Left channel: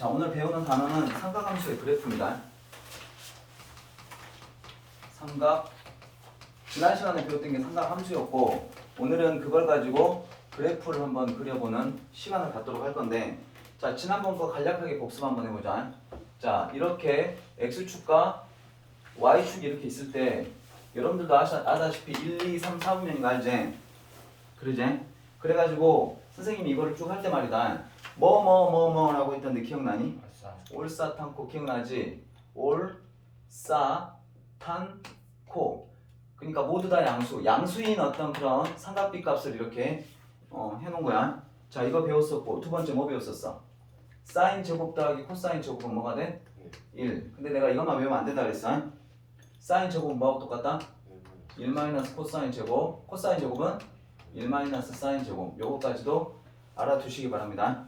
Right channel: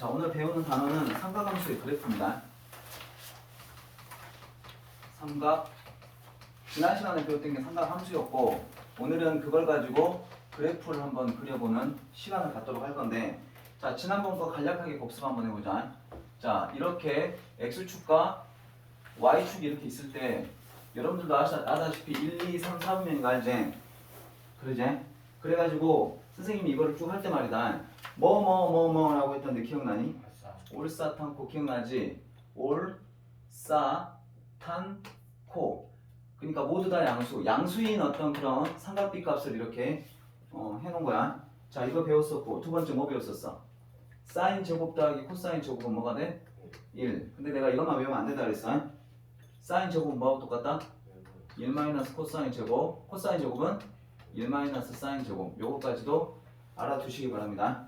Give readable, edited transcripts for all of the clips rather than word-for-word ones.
자, 오늘 배우는 단어는 삼각함수의 그래프입니다. 지난 시간에 배웠던 게 삼각함수였고, 오늘은 그걸 가지고 그래프를 한번 그려보는 시간을 갖도록 할 건데, 자, 지난번 거 간략하게 복습 한번 해보자. 자, 이렇게 x축과 y축이 이렇게 있을 때 여러분들도 아다시피 1, 2, 3, 4분면인 거 알지? 그러지? 그래가지고 선생님이 이거를 쭉 할 때 말이다. 라고 했던데 기억나니? 올싸탄코 기억나지? 올싸탄코. 그러니까 모두 다 양수인 어떤 그런 삼각비 값을 이렇게 해놓은 거야. 자, 이거 배웠었고, 두 번째 뭐 배웠었어? 사인 제곱 더하기 코사인 제곱은 뭐가 돼? 1. 근데 내가 이것만 외우면 안 된다 그랬어. 사인 제곱은 뭐하고 똑같다? 1 마이너스 코사인 제곱. 코사인 제곱은 1 마이너스 사인 제곱. 요거까지도 알아두시기 바랍니다.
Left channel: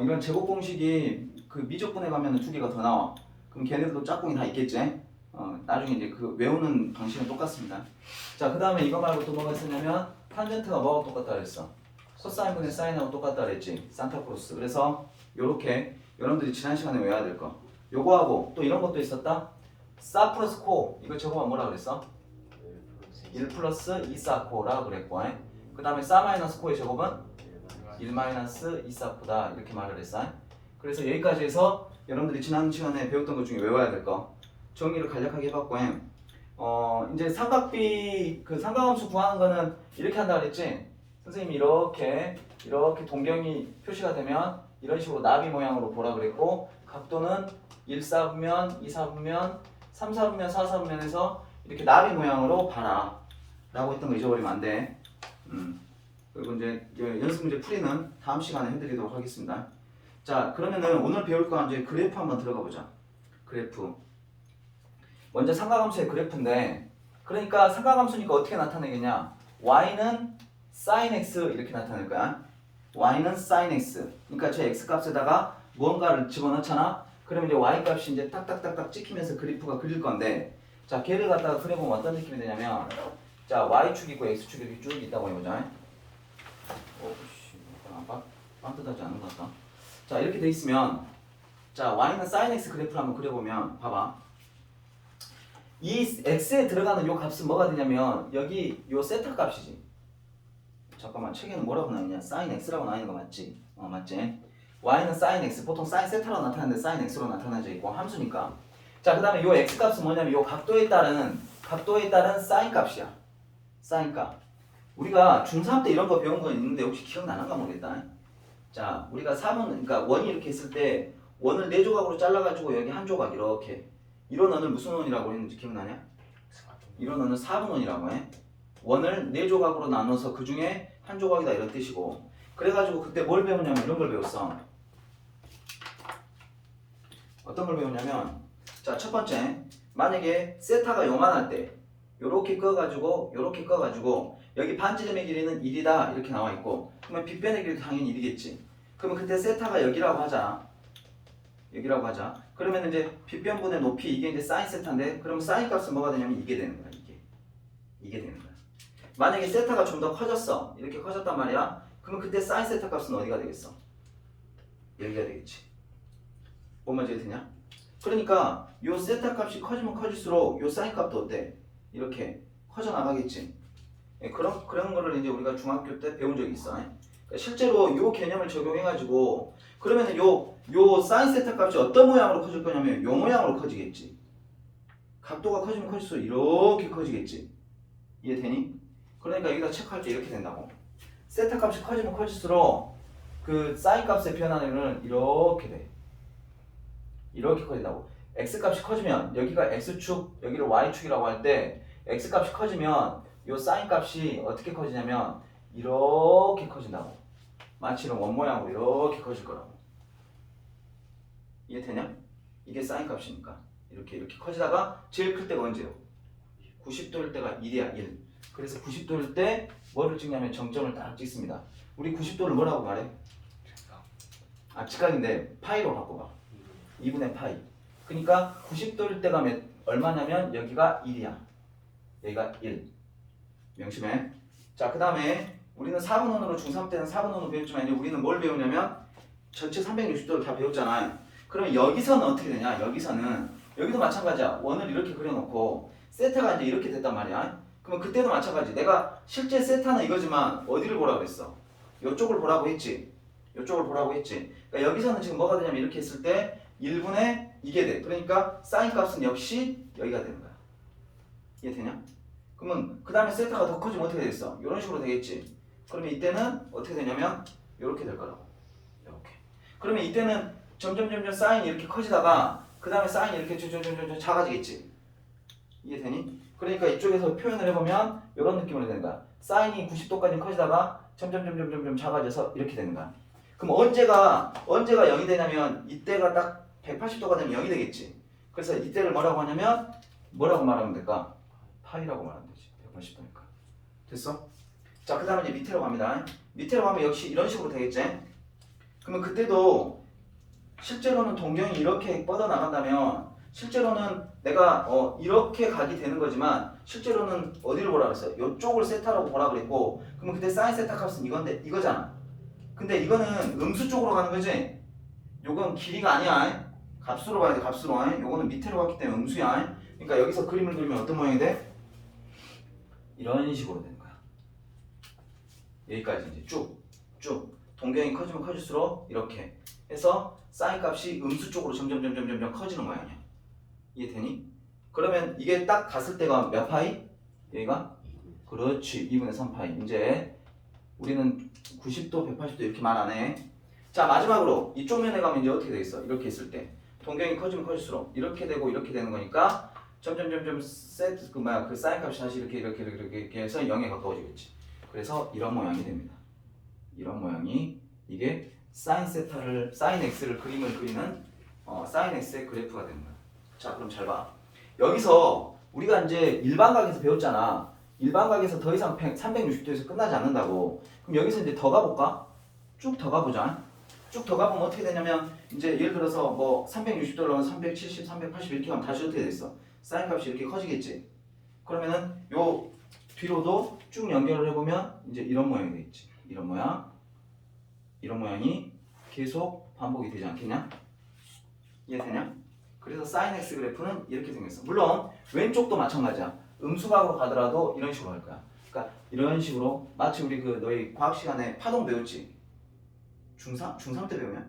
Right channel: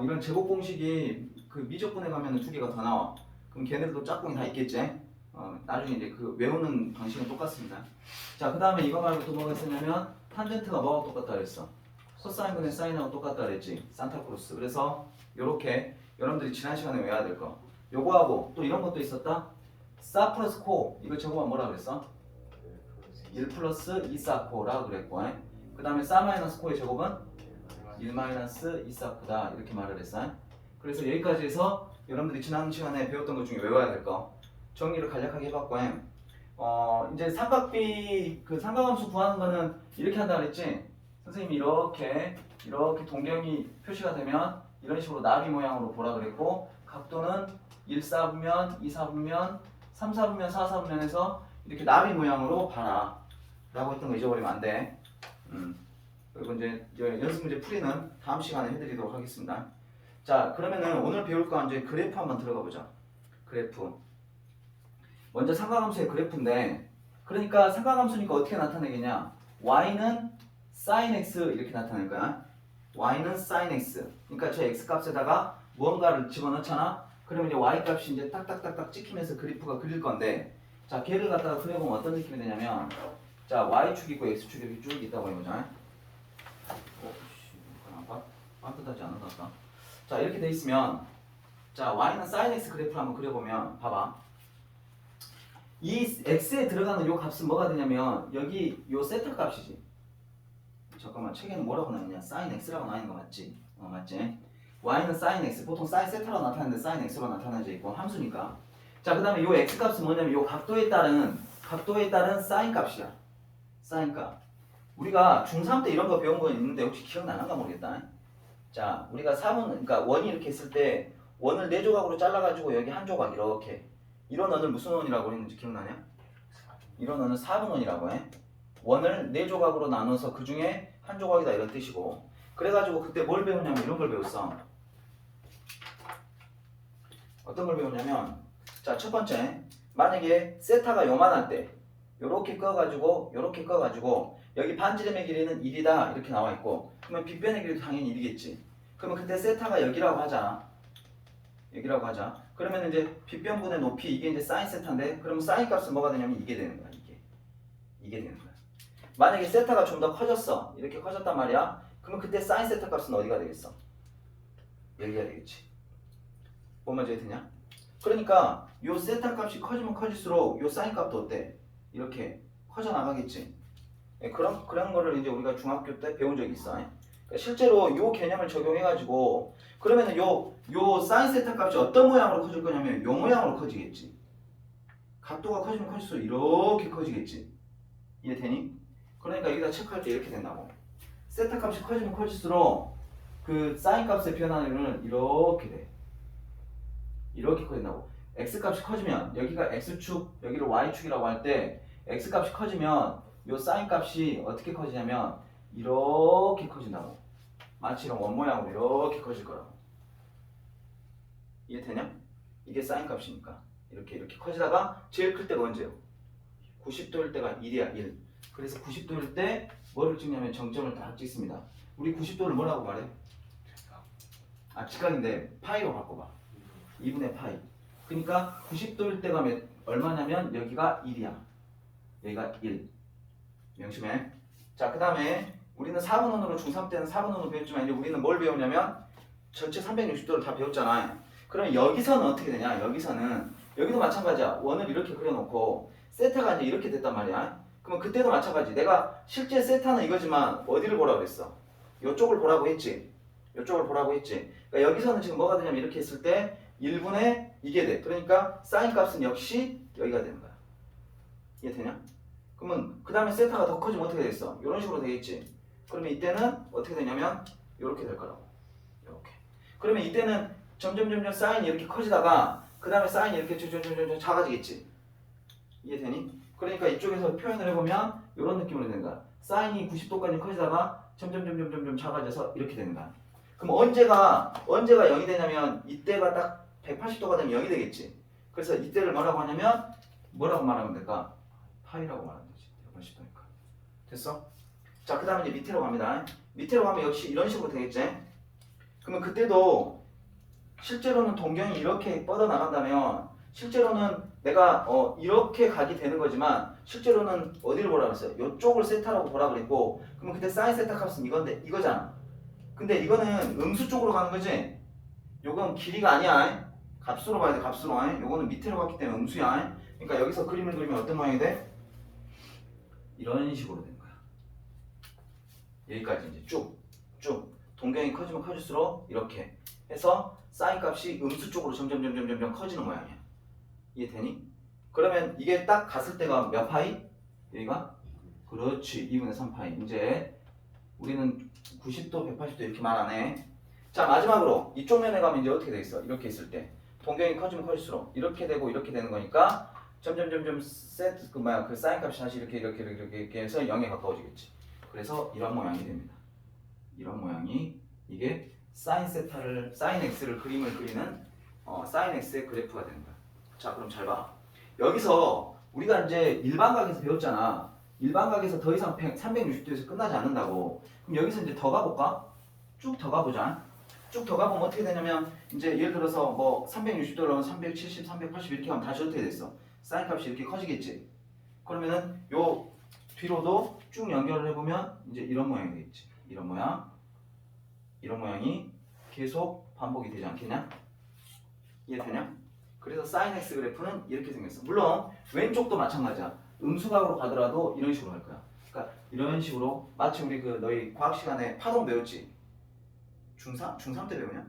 이런 제곱 공식이 그 미적분에 가면 두 개가 더 나와. 그럼 걔네들도 짝꿍이 다 있겠지? 나중에 이제 그 외우는 방식은 똑같습니다. 자, 그 다음에 이거 말고 또 뭐가 있었냐면 탄젠트가 뭐하고 똑같다 그랬어? 코사인분의 사인하고 똑같다 그랬지? 산타크로스. 그래서 요렇게 여러분들이 지난 시간에 외워야 될 거. 요거하고 또 이런 것도 있었다. 사 플러스 코. 이거 제곱은 뭐라 그랬어? 1 플러스 2사코라고 그랬고, 그 다음에 사 마이너스 코의 제곱은 1 마이너스 2사코다 이렇게 말을 했어. 그래서 여기까지 해서 여러분들이 지난 시간에 배웠던 것 중에 외워야 될 거 정리를 간략하게 해봤고, 이제 삼각함수 구하는 거는 이렇게 한다 그랬지? 선생님이 이렇게 동경이 표시가 되면 이런 식으로 나비 모양으로 보라 그랬고, 각도는 1사분면, 2사분면, 3사분면, 4사분면에서 이렇게 나비 모양으로 봐라 라고 했던 거 잊어버리면 안 돼. 그리고 이제 연습 문제 풀이는 다음 시간에 해드리도록 하겠습니다. 자, 그러면은 오늘 배울 거 이제 그래프 한번 들어가 보자. 그래프. 먼저 삼각함수의 그래프인데, 그러니까 삼각함수니까 어떻게 나타내겠냐? y는 sin x 이렇게 나타낼 거야. y는 sin x. 그러니까 제 x 값에다가 무언가를 집어넣잖아. 그러면 이제 y 값이 이제 딱딱딱딱 찍히면서 그래프가 그릴 건데, 자, 걔를 갖다가 그려보면 어떤 느낌이 되냐면, 자, y축 있고 x축 이렇게 쭉 있다고 해보자. 반듯하지 않은 것 같다. 자, 이렇게 돼 있으면, 자, y는 sin x 그래프를 한번 그려보면 봐봐. 이 x에 들어가는 요 값은 뭐가 되냐면 여기 요 세타 값이지. 잠깐만, 책에는 뭐라고 나있냐? sin x라고 나있는 거 맞지? 맞지? y는 sin x, 보통 sin 세타로 나타나는데 sin x로 나타나져 있고 함수니까. 자, 그 다음에 요 x 값은 뭐냐면 요 각도에 따른 sin 값이야. sin 값. 우리가 중3 때 이런 거 배운 거 있는데 혹시 기억나는가 모르겠다. 자, 우리가 4번, 그러니까 원이 이렇게 있을 때 원을 4조각으로 잘라가지고 여기 한 조각 이렇게, 이런 원을 무슨 원이라고 했는지 기억나냐? 이런 원은 4분원이라고 해. 원을 4조각으로 나눠서 그 중에 한 조각이다 이런 뜻이고, 그래가지고 그때 뭘 배웠냐면 이런 걸 배웠어. 어떤 걸 배웠냐면, 자, 첫 번째, 만약에 세타가 요만할 때 요렇게 꺼가지고 여기 반지름의 길이는 1이다 이렇게 나와 있고, 그러면 빗변의 길이도 당연히 1이겠지. 그러면 그때 세타가 여기라고 하자. 그러면 이제 빗변분의 높이, 이게 이제 사인 세타인데, 그럼 사인 값은 뭐가 되냐면 이게 되는 거야. 이게 되는 거야. 만약에 세타가 좀 더 커졌어. 이렇게 커졌단 말이야. 그러면 그때 사인 세타 값은 어디가 되겠어? 여기가 되겠지. 뭔 말인지 되냐? 그러니까 요 세타 값이 커지면 커질수록 요 사인 값도 어때? 이렇게 커져 나가겠지. 그런 거를 이제 우리가 중학교 때 배운 적이 있어. 그러니까 실제로 요 개념을 적용해가지고, 그러면은 요 사인 세타 값이 어떤 모양으로 커질 거냐면 요 모양으로 커지겠지. 각도가 커지면 커질수록 이렇게 커지겠지. 이해되니? 그러니까 여기다 체크할 때 이렇게 된다고. 세타 값이 커지면 커질수록 그 사인 값의 변화는 이렇게 돼. 이렇게 커진다고. x 값이 커지면 여기가 x축, 여기를 y축이라고 할 때 x 값이 커지면 요 사인 값이 어떻게 커지냐면 이렇게 커진다고. 마치 이런 원 모양으로 이렇게 커질 거라고. 이해되냐? 이게 사인 값이니까 이렇게 커지다가 제일 클 때가 언제요? 90도일 때가 1이야. 1. 그래서 90도일 때 뭐를 찍냐면 정점을 딱 찍습니다. 우리 90도를 뭐라고 말해? 직각인데 파이로 바꿔봐. 2분의 파이. 그러니까 90도일 때가 얼마냐면 여기가 1이야. 여기가 1. 명심해. 자, 그 다음에 우리는 4분원으로 중3 때는 4분원으로 배웠지만 이제 우리는 뭘 배우냐면 전체 360도를 다 배웠잖아. 그러면 여기서는 어떻게 되냐? 여기도 마찬가지야. 원을 이렇게 그려놓고 세타가 이제 이렇게 됐단 말이야. 그러면 그때도 마찬가지. 내가 실제 세타는 이거지만 어디를 보라고 그랬어? 이쪽을 보라고 했지. 이쪽을 보라고 했지. 그러니까 여기서는 지금 뭐가 되냐면 이렇게 했을 때 1분의 이게 돼. 그러니까 사인 값은 역시 여기가 되는 거야. 이해되냐? 그러면 그 다음에 세타가 더 커지면 어떻게 되겠어? 이런 식으로 되겠지. 그러면 이때는 어떻게 되냐면 이렇게 될 거라고. 이렇게. 그러면 이때는 점점 사인이 이렇게 커지다가 그 다음에 사인이 이렇게 점점 작아지겠지. 이해되니? 그러니까 이쪽에서 표현을 해보면 이런 느낌으로 되는 거야. 사인이 90도까지 커지다가 점점 작아져서 이렇게 되는 거야. 그럼 언제가 0이 되냐면 이때가 딱 180도가 되면 0이 되겠지. 그래서 이때를 뭐라고 하냐면 뭐라고 말하면 될까? 파이라고 말하면 되지. 180도니까. 됐어? 자, 그 다음에 이제 밑으로 갑니다. 밑으로 가면 역시 이런 식으로 되겠지. 그러면 그때도 실제로는 동경이 이렇게 뻗어나간다면 실제로는 내가 이렇게 가게 되는 거지만 실제로는 어디를 보라 그랬어요? 이쪽을 세타라고 보라 그랬고 그러면 그때 사인 세타 값은 이거잖아. 근데 이거는 음수 쪽으로 가는 거지. 요건 길이가 아니야. 값으로 봐야 돼. 값으로. 요거는 밑으로 갔기 때문에 음수야. 그러니까 여기서 그림을 그리면 어떤 모양이 돼? 이런 식으로 되는 거야. 여기까지 이제 쭉 동경이 커지면 커질수록 이렇게 해서 사인 값이 음수 쪽으로 점점 커지는 모양이야. 이해되니? 그러면 이게 딱 갔을 때가 몇 파이? 여기가? 그렇지. 2분의 3파이. 이제 우리는 90도, 180도 이렇게 말 안 해. 자, 마지막으로 이쪽 면에 가면 이제 어떻게 돼 있어? 이렇게 있을 때 동경이 커지면 커질수록 이렇게 되고 이렇게 되는 거니까 점점 그 사인 값이 다시 이렇게 해서 0에 가까워지겠지. 그래서 이런 모양이 됩니다. 이런 모양이 이게 사인 x를 그림을 그리는 사인 x의 그래프가 되는 거야. 자, 그럼 잘 봐. 여기서 우리가 이제 일반각에서 배웠잖아. 일반각에서 더 이상 360도에서 끝나지 않는다고. 그럼 여기서 이제 더 가볼까? 쭉 더 가보자. 쭉 더 가보면 어떻게 되냐면 이제 예를 들어서 뭐 360도를 하면 370, 380 이렇게 하면 다시 어떻게 됐어? 사인 값이 이렇게 커지겠지. 그러면은 요 뒤로도 쭉 연결을 해보면 이제 이런 모양이 되겠지. 이런 모양이 계속 반복이 되지 않겠냐? 이해되냐? 그래서 사인 x 그래프는 이렇게 생겼어. 물론 왼쪽도 마찬가지야. 음수각으로 가더라도 이런 식으로 할 거야. 그러니까 이런 식으로 마치 우리 그 너희 과학 시간에 파동 배웠지? 중3 때 배우냐?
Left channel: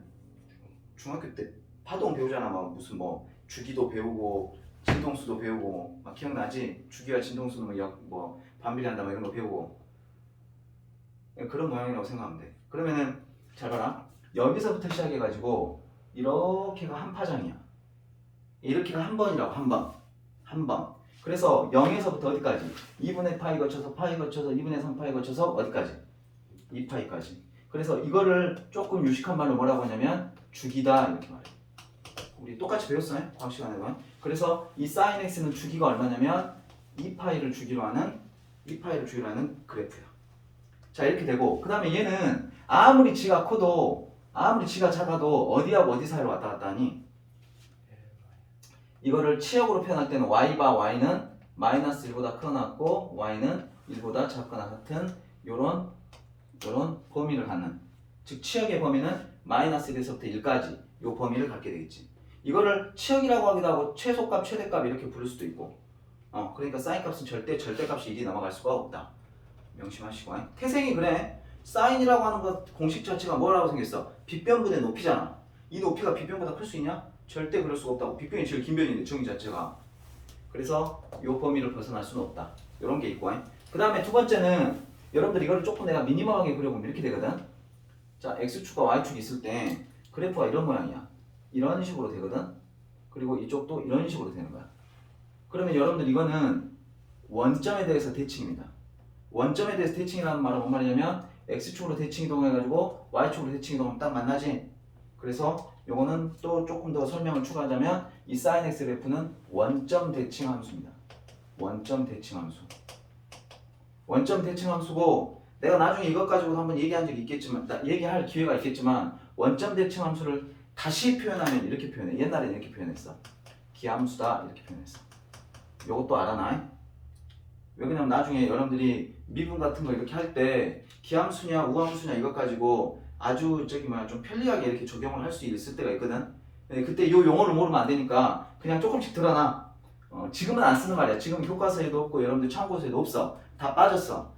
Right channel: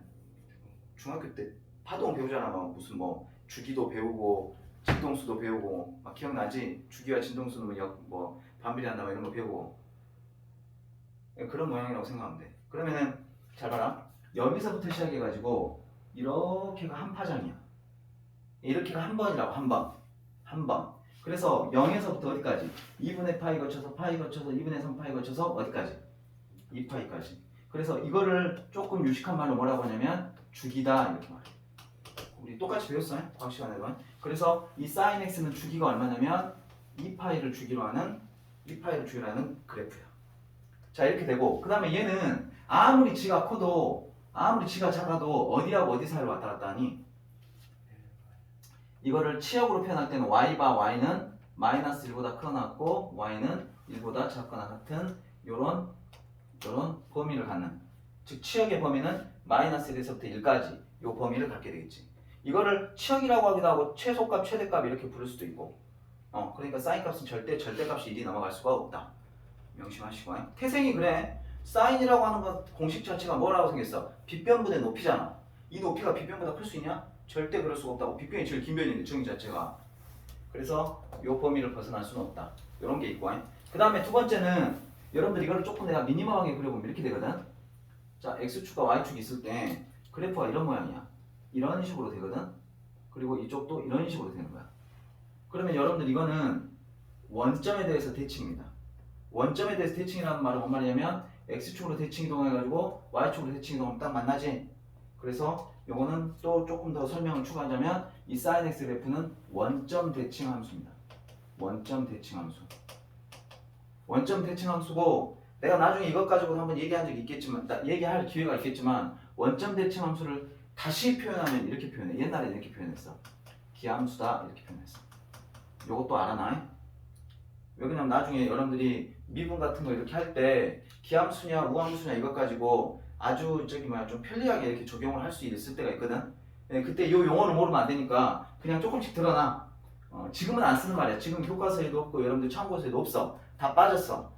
중학교 때 파동 배우잖아. 막 무슨 뭐 주기도 배우고 진동수도 배우고 막 기억나지? 주기와 진동수도 뭐 반비례한다 뭐 이런 거 배우고 그런 모양이라고 생각하면 돼. 그러면은 잘 봐라. 여기서부터 시작해가지고 이렇게가 한 파장이야. 이렇게가 한 번이라고. 한 번. 그래서 0에서부터 어디까지? 2분의 파이 거쳐서 2분의 3파이 거쳐서 어디까지? 2파이까지. 그래서 이거를 조금 유식한 말로 뭐라고 하냐면 주기다 이렇게 말해. 우리 똑같이 배웠어요? 과학 시간에도. 그래서 이 sin x는 주기가 얼마냐면 2파이를 주기로 하는 그래프예요. 자, 이렇게 되고 그 다음에 얘는 아무리 지가 커도 아무리 지가 작아도 어디하고 어디 사이로 왔다 갔다 하니 이거를 치역으로 표현할 때는 y바 y는 마이너스 1보다 크거나 y는 1보다 작거나 같은 요런 범위를 갖는, 즉 치역의 범위는 마이너스 1에서부터 1까지 요 범위를 갖게 되겠지. 이거를 치역이라고 하기도 하고 최소값 최대값 이렇게 부를 수도 있고 그러니까 사인 값은 절대값이 1이 넘어갈 수가 없다. 명심하시고. 태생이 그래. 사인이라고 하는 것 공식 자체가 뭐라고 생겼어? 빗변분의 높이잖아. 이 높이가 빗변보다 클 수 있냐? 절대 그럴 수가 없다고. 빗변이 제일 긴 변인데 정의 자체가. 그래서 요 범위를 벗어날 수는 없다. 요런 게 있고. 그 다음에 두 번째는 여러분들 이거를 조금 내가 미니멀하게 그려보면 이렇게 되거든. 자, x축과 y축이 있을 때 그래프가 이런 모양이야. 이런 식으로 되거든. 그리고 이쪽도 이런 식으로 되는 거야. 그러면 여러분들 이거는 원점에 대해서 대칭입니다. 원점에 대해서 대칭이라는 말은 뭔 말이냐면 x축으로 대칭 이동해가지고 y축으로 대칭 이동하면 딱 만나지. 그래서 요거는 또 조금 더 설명을 추가하자면 이 sin x 그래프는 원점 대칭 함수입니다. 원점 대칭 함수고 내가 나중에 이것 가지고 한번 얘기한 적이 있겠지만 얘기할 기회가 있겠지만 원점 대칭 함수를 다시 표현하면 이렇게 표현해. 옛날에 이렇게 표현했어. 기함수다 이렇게 표현했어. 요것도 알아놔. 왜 그러냐면 나중에 여러분들이 미분 같은 거 이렇게 할 때 기함수냐 우함수냐 이것 가지고 아주 좀 편리하게 이렇게 적용을 할 수 있을 때가 있거든. 그때 이 용어를 모르면 안 되니까 그냥 조금씩 드러나. 지금은 안 쓰는 말이야. 지금 교과서에도 없고 여러분들 참고서에도 없어. 다 빠졌어.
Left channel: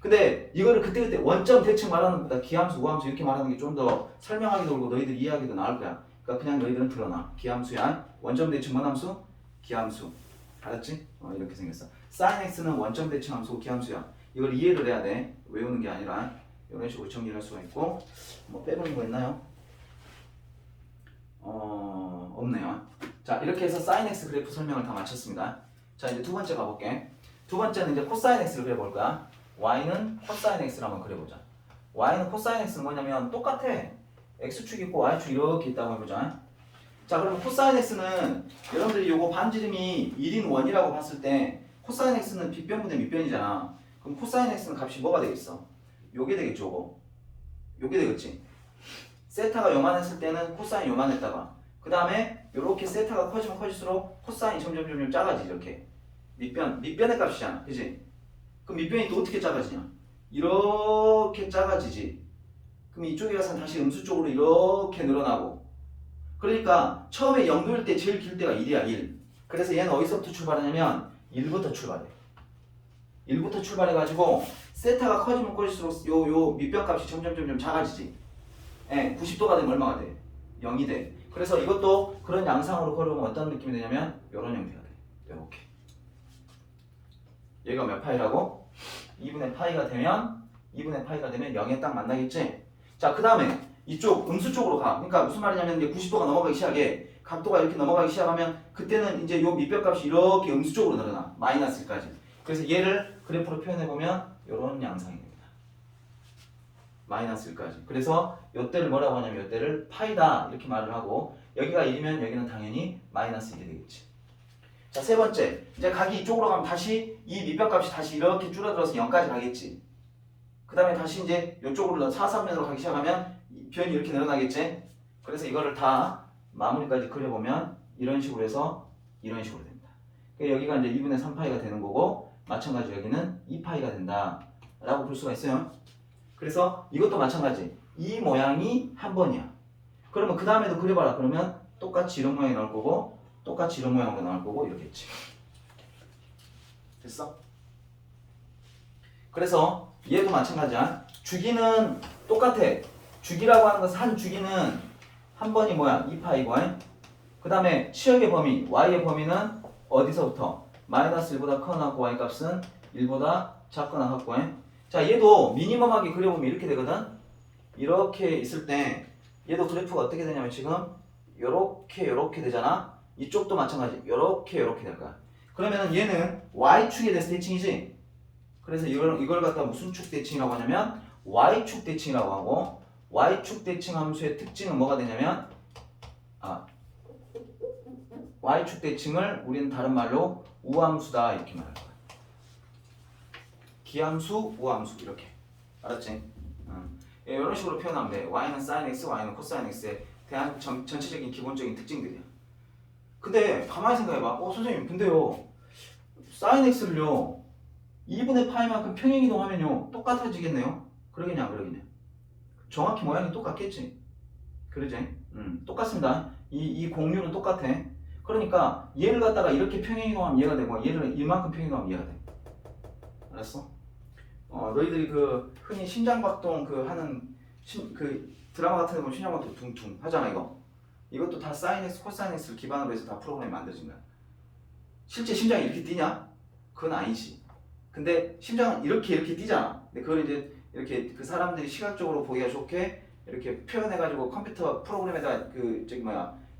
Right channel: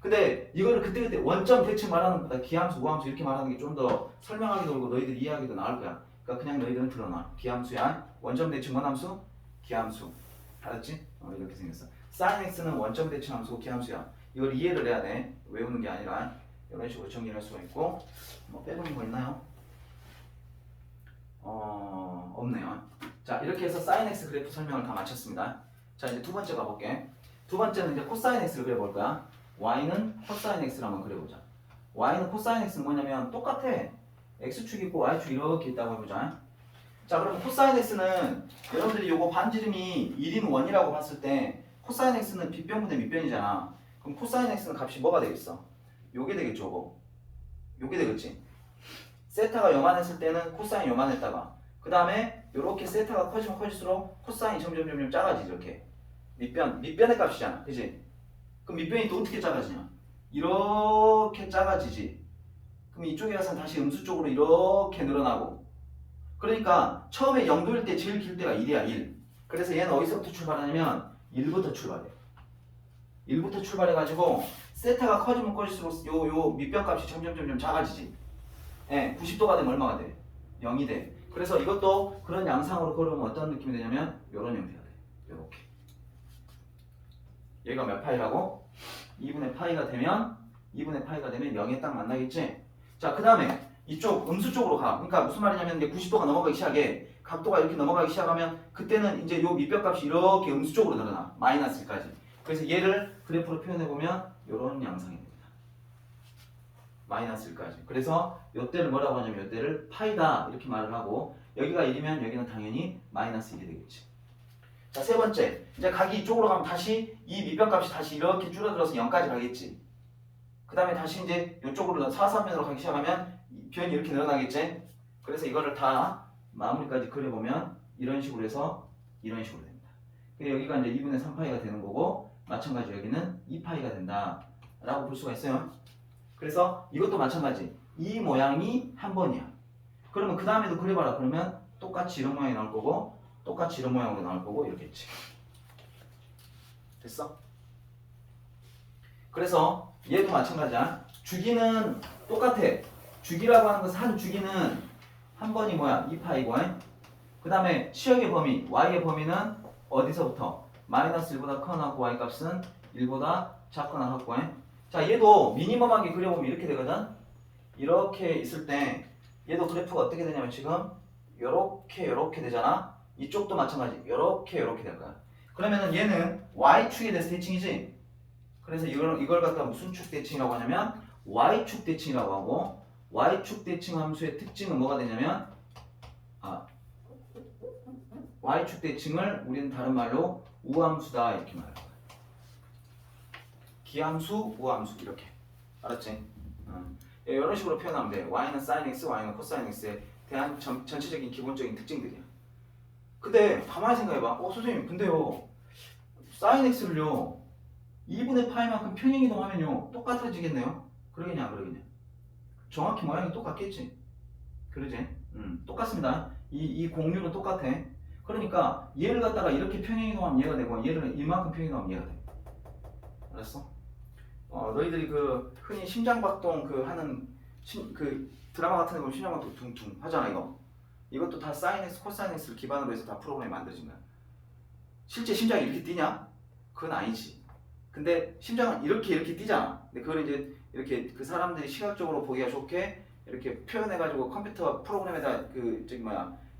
근데 이거를 그때그때 원점 대칭 말하는 것보다 기함수, 우함수 이렇게 말하는 게 좀 더 설명하기도 그렇고 너희들 이해하기도 나을 거야. 그러니까 그냥 너희들은 드러나. 기함수야. 원점 대칭 원함수, 기함수. 알았지? 이렇게 생겼어. sin x는 원점 대칭 함수고 기함수야. 이걸 이해를 해야 돼. 외우는 게 아니라 이런 식으로 정리를 할 수가 있고. 뭐 빼놓은 거 있나요? 없네요. 자, 이렇게 해서 sin x 그래프 설명을 다 마쳤습니다. 자, 이제 두 번째 가볼게. 두 번째는 이제 코사인 x를 그려볼 거야. y는 코사인 x를 한번 그려보자. y는 코사인 x는 뭐냐면 똑같아. x축 있고 y축 이렇게 있다고 해보자. 자, 그러면 코사인 x는 여러분들이 요거 반지름이 1인 원이라고 봤을 때 코사인 x는 빗변분의 밑변이잖아. 그럼 코사인 x는 값이 뭐가 되겠어? 요게 되겠죠, 요거. 요게 되겠지. 세타가 요만했을 때는 코사인이 요만했다가 그 다음에 요렇게 세타가 커지면 커질수록 코사인이 점점 작아지지. 이렇게 밑변의 값이잖아, 그지? 그럼 밑변이 또 어떻게 작아지냐? 이렇게 작아지지. 그럼 이쪽에 가서 다시 음수 쪽으로 이렇게 늘어나고. 그러니까 처음에 0도일 때 제일 길 때가 1이야, 1. 그래서 얘는 어디서부터 출발하냐면 1부터 출발해. 1부터 출발해가지고 세타가 커지면 커질수록 요 밑변 값이 점점 작아지지. 예, 90도가 되면 얼마가 돼? 0이 돼. 그래서 이것도 그런 양상으로 걸어오면 어떤 느낌이 되냐면 요런 형태가 돼. 요렇게. 얘가 몇 파이라고? 2분의 파이가 되면 0에 딱 만나겠지? 자, 그 다음에 이쪽 음수 쪽으로 가. 그러니까 무슨 말이냐면 이제 90도가 넘어가기 시작해. 각도가 이렇게 넘어가기 시작하면 그때는 이제 요 밑변 값이 이렇게 음수 쪽으로 늘어나. 마이너스 1까지. 그래서 얘를 그래프로 표현해보면 요런 양상이 됩니다. 마이너스 1까지. 그래서 요때를 뭐라고 하냐면 요때를 파이다 이렇게 말을 하고 여기가 1이면 여기는 당연히 마이너스 1이 되겠지. 자, 세 번째. 이제 각이 이쪽으로 가면 다시 이 밑변 값이 다시 이렇게 줄어들어서 0까지 가겠지. 그 다음에 다시 이제 이쪽으로 사삼면으로 가기 시작하면 변이 이렇게 늘어나겠지. 그래서 이거를 다 마무리까지 그려보면 이런 식으로 해서 이런 식으로 됩니다. 여기가 이제 2분의 3파이가 되는 거고 마찬가지로 여기는 2파이가 된다 라고 볼 수가 있어요. 그래서 이것도 마찬가지. 이 모양이 한 번이야. 그러면 그 다음에도 그려봐라. 그러면 똑같이 이런 모양이 나올 거고 똑같이 이런 모양으로 나올 거고 이렇겠지. 됐어? 그래서 얘도 마찬가지야. 주기는 똑같아. 주기라고 하는 것은 한 주기는 한 번이 뭐야? 2파이고 그 다음에 치역의 범위, y의 범위는 어디서부터? 마이너스 1보다 크거나 같고 y 값은 1보다 작거나 같고 자, 얘도 미니멈하게 그려보면 이렇게 되거든. 이렇게 있을 때 얘도 그래프가 어떻게 되냐면 지금 요렇게 되잖아. 이쪽도 마찬가지. 요렇게 될 거야. 그러면은 얘는 y축에 대해서 대칭이지. 그래서 이걸 갖다 무슨 축 대칭이라고 하냐면 y축 대칭이라고 하고 y축 대칭 함수의 특징은 뭐가 되냐면 y축 대칭을 우리는 다른 말로 우함수다 이렇게 말할 거야. 기함수, 우함수 이렇게. 알았지? 이런 식으로 표현하면 돼. y는 sin x, y는 cosine x에 대한 전체적인 기본적인 특징들이야. 근데 가만히 생각해봐. 선생님 근데요 sin x를요 2분의 파이만큼 평행이동하면요 똑같아지겠네요? 그러겠냐 안 그러겠냐? 정확히 모양이 똑같겠지? 그러지? 똑같습니다. 이 공률은 똑같아. 그러니까 얘를 갖다가 이렇게 평행이동하면 얘가 되고 얘를 이만큼 평행이동하면 얘가 돼. 알았어? 너희들이 그 흔히 심장박동 하는 그 드라마 같은 데 보면 심장박동 둥둥 하잖아 이거. 이것도 다 sin x, cosine x를 기반으로 해서 다 프로그램이 만들어진 거야. 실제 심장이 이렇게 뛰냐? 그건 아니지. 근데 심장은 이렇게 뛰잖아. 근데 그걸 이제 이렇게 그 사람들이 시각적으로 보기가 좋게 이렇게 표현해가지고 컴퓨터 프로그램에다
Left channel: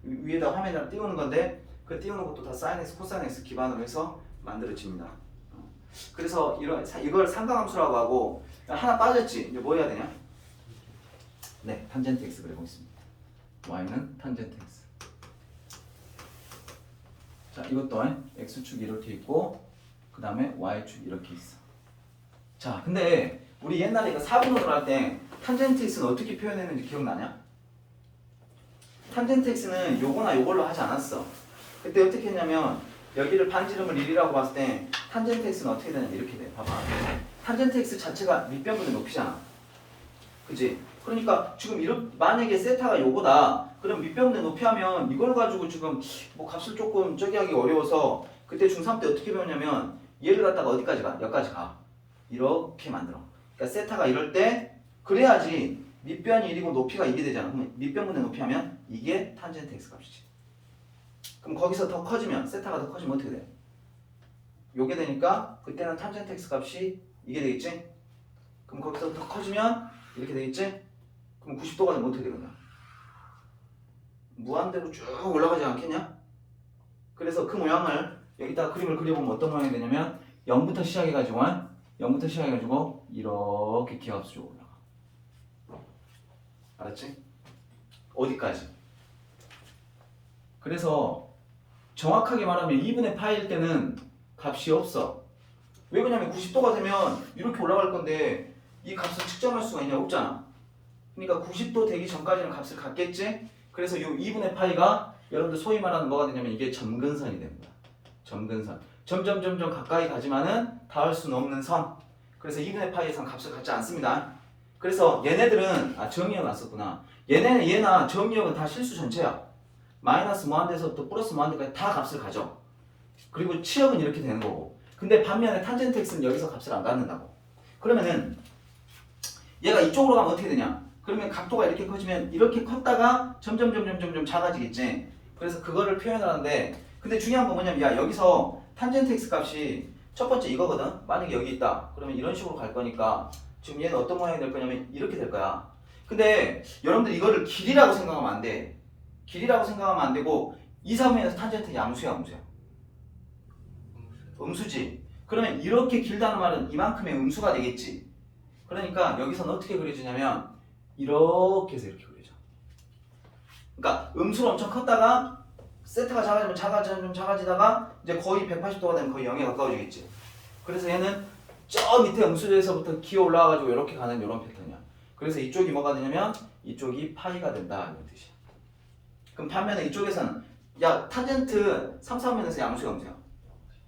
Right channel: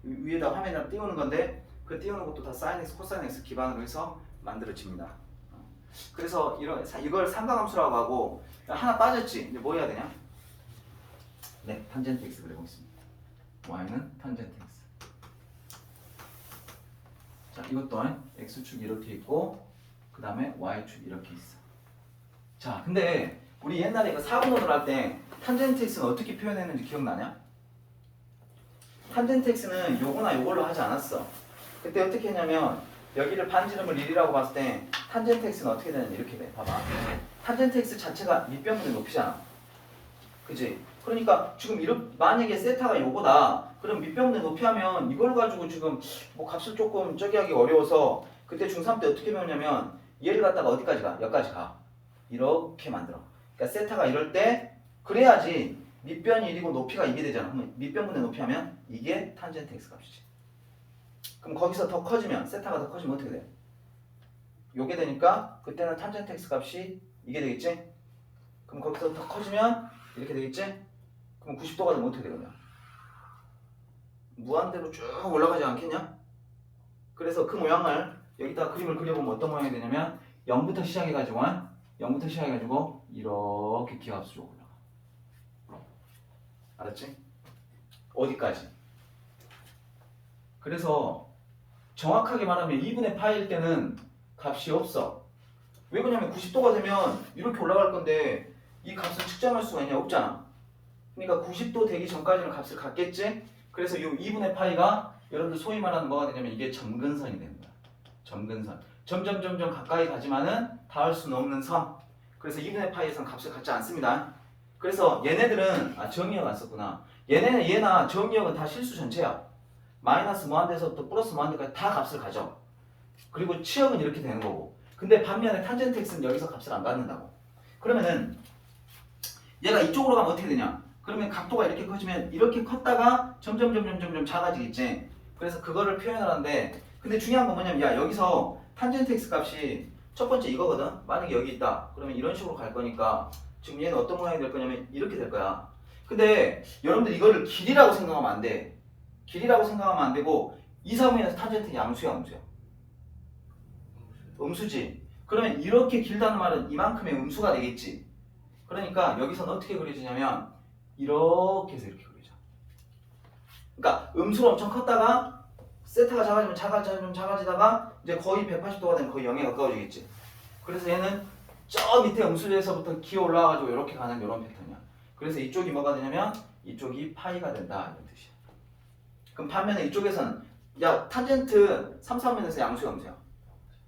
위에다 화면을 띄우는 건데 그 띄우는 것도 다 sin x, cosine x 기반으로 해서 만들어집니다. 그래서 이걸 상강함수라고 하고 하나 빠졌지. 이제 뭐 해야 되냐? 네, 탄젠트 x 그려보겠습니다. y는 탄젠트 x. 자, 이것도 x축이 이렇게 있고 그 다음에 y축이 이렇게 있어. 자, 근데 우리 옛날에 이거 4분원으로 할 때 탄젠트 x는 어떻게 표현했는지 기억나냐? 탄젠트 x는 요거나 요걸로 하지 않았어. 그때 어떻게 했냐면 여기를 반지름을 1이라고 봤을 때 탄젠트 x는 어떻게 되냐면 이렇게 돼. 봐봐. 탄젠트 x 자체가 밑변분의 높이잖아. 그지? 그러니까 지금 이렇게 만약에 세타가 요거다. 그럼 밑변분의 높이 하면 이걸 가지고 지금 뭐 값을 조금 저기 하기 어려워서 그때 중3 때 어떻게 배웠냐면 얘를 갖다가 어디까지 가? 여기까지 가. 이렇게 만들어. 그러니까 세타가 이럴 때 그래야지 밑변이 1이고 높이가 2게 되잖아. 그럼 밑변분의 높이 하면 이게 탄젠트 x 값이지. 그럼 거기서 더 커지면 세타가 더 커지면 어떻게 돼? 요게 되니까 그때는 탄젠트 x 값이 이게 되겠지? 그럼 거기서 더 커지면 이렇게 되겠지? 그럼 90도가 되면 어떻게 되겠냐? 무한대로 쭉 올라가지 않겠냐? 그래서 그 모양을 여기다 그림을 그려보면 어떤 모양이 되냐면 0부터 시작해가지고 이렇게 기하수 쪽으로 올라가. 알았지? 어디까지? 그래서 정확하게 말하면 2분의 파일 때는 값이 없어. 왜 그러냐면 90도가 되면 이렇게 올라갈 건데 이 값을 측정할 수가 있냐? 없잖아. 그러니까 90도 되기 전까지는 값을 갖겠지? 그래서 이 2분의 파이가 여러분들 소위 말하는 뭐가 되냐면 이게 점근선이 되는 거야. 점근선. 점점 가까이 가지만은 닿을 수는 없는 선. 그래서 2분의 파이에서는 값을 갖지 않습니다. 그래서 얘네들은 정의역 안 썼구나. 얘나 정의역은 다 실수 전체야. 마이너스 무한대에서부터 플러스 무한대까지 다 값을 가져. 그리고 치역은 이렇게 되는 거고. 근데 반면에 탄젠트 x는 여기서 값을 안 갖는다고. 그러면은 얘가 이쪽으로 가면 어떻게 되냐? 그러면 각도가 이렇게 커지면 이렇게 컸다가 점점 작아지겠지. 그래서 그거를 표현을 하는데 근데 중요한 건 뭐냐면 야 여기서 탄젠트 x 값이 첫 번째 이거거든. 만약에 여기 있다. 그러면 이런 식으로 갈 거니까 지금 얘는 어떤 모양이 될 거냐면 이렇게 될 거야. 근데 여러분들 이거를 길이라고 생각하면 안 돼. 길이라고 생각하면 안 되고 2, 3분에서 탄젠트 양수야. 음수지. 그러면 이렇게 길다는 말은 이만큼의 음수가 되겠지. 그러니까 여기서는 어떻게 그려지냐면 이렇게 해서 이렇게 그려져. 그러니까 음수로 엄청 컸다가 세타가 작아지면 작아지다가 이제 거의 180도가 되면 거의 0에 가까워지겠지. 그래서 얘는 저 밑에 음수에서부터 기어 올라와가지고 이렇게 가는 이런 패턴이야. 그래서 이쪽이 뭐가 되냐면 이쪽이 파이가 된다 이런 뜻이야. 그럼 반면에 이쪽에서는 야 탄젠트 3, 4면에서 양수야 음수야.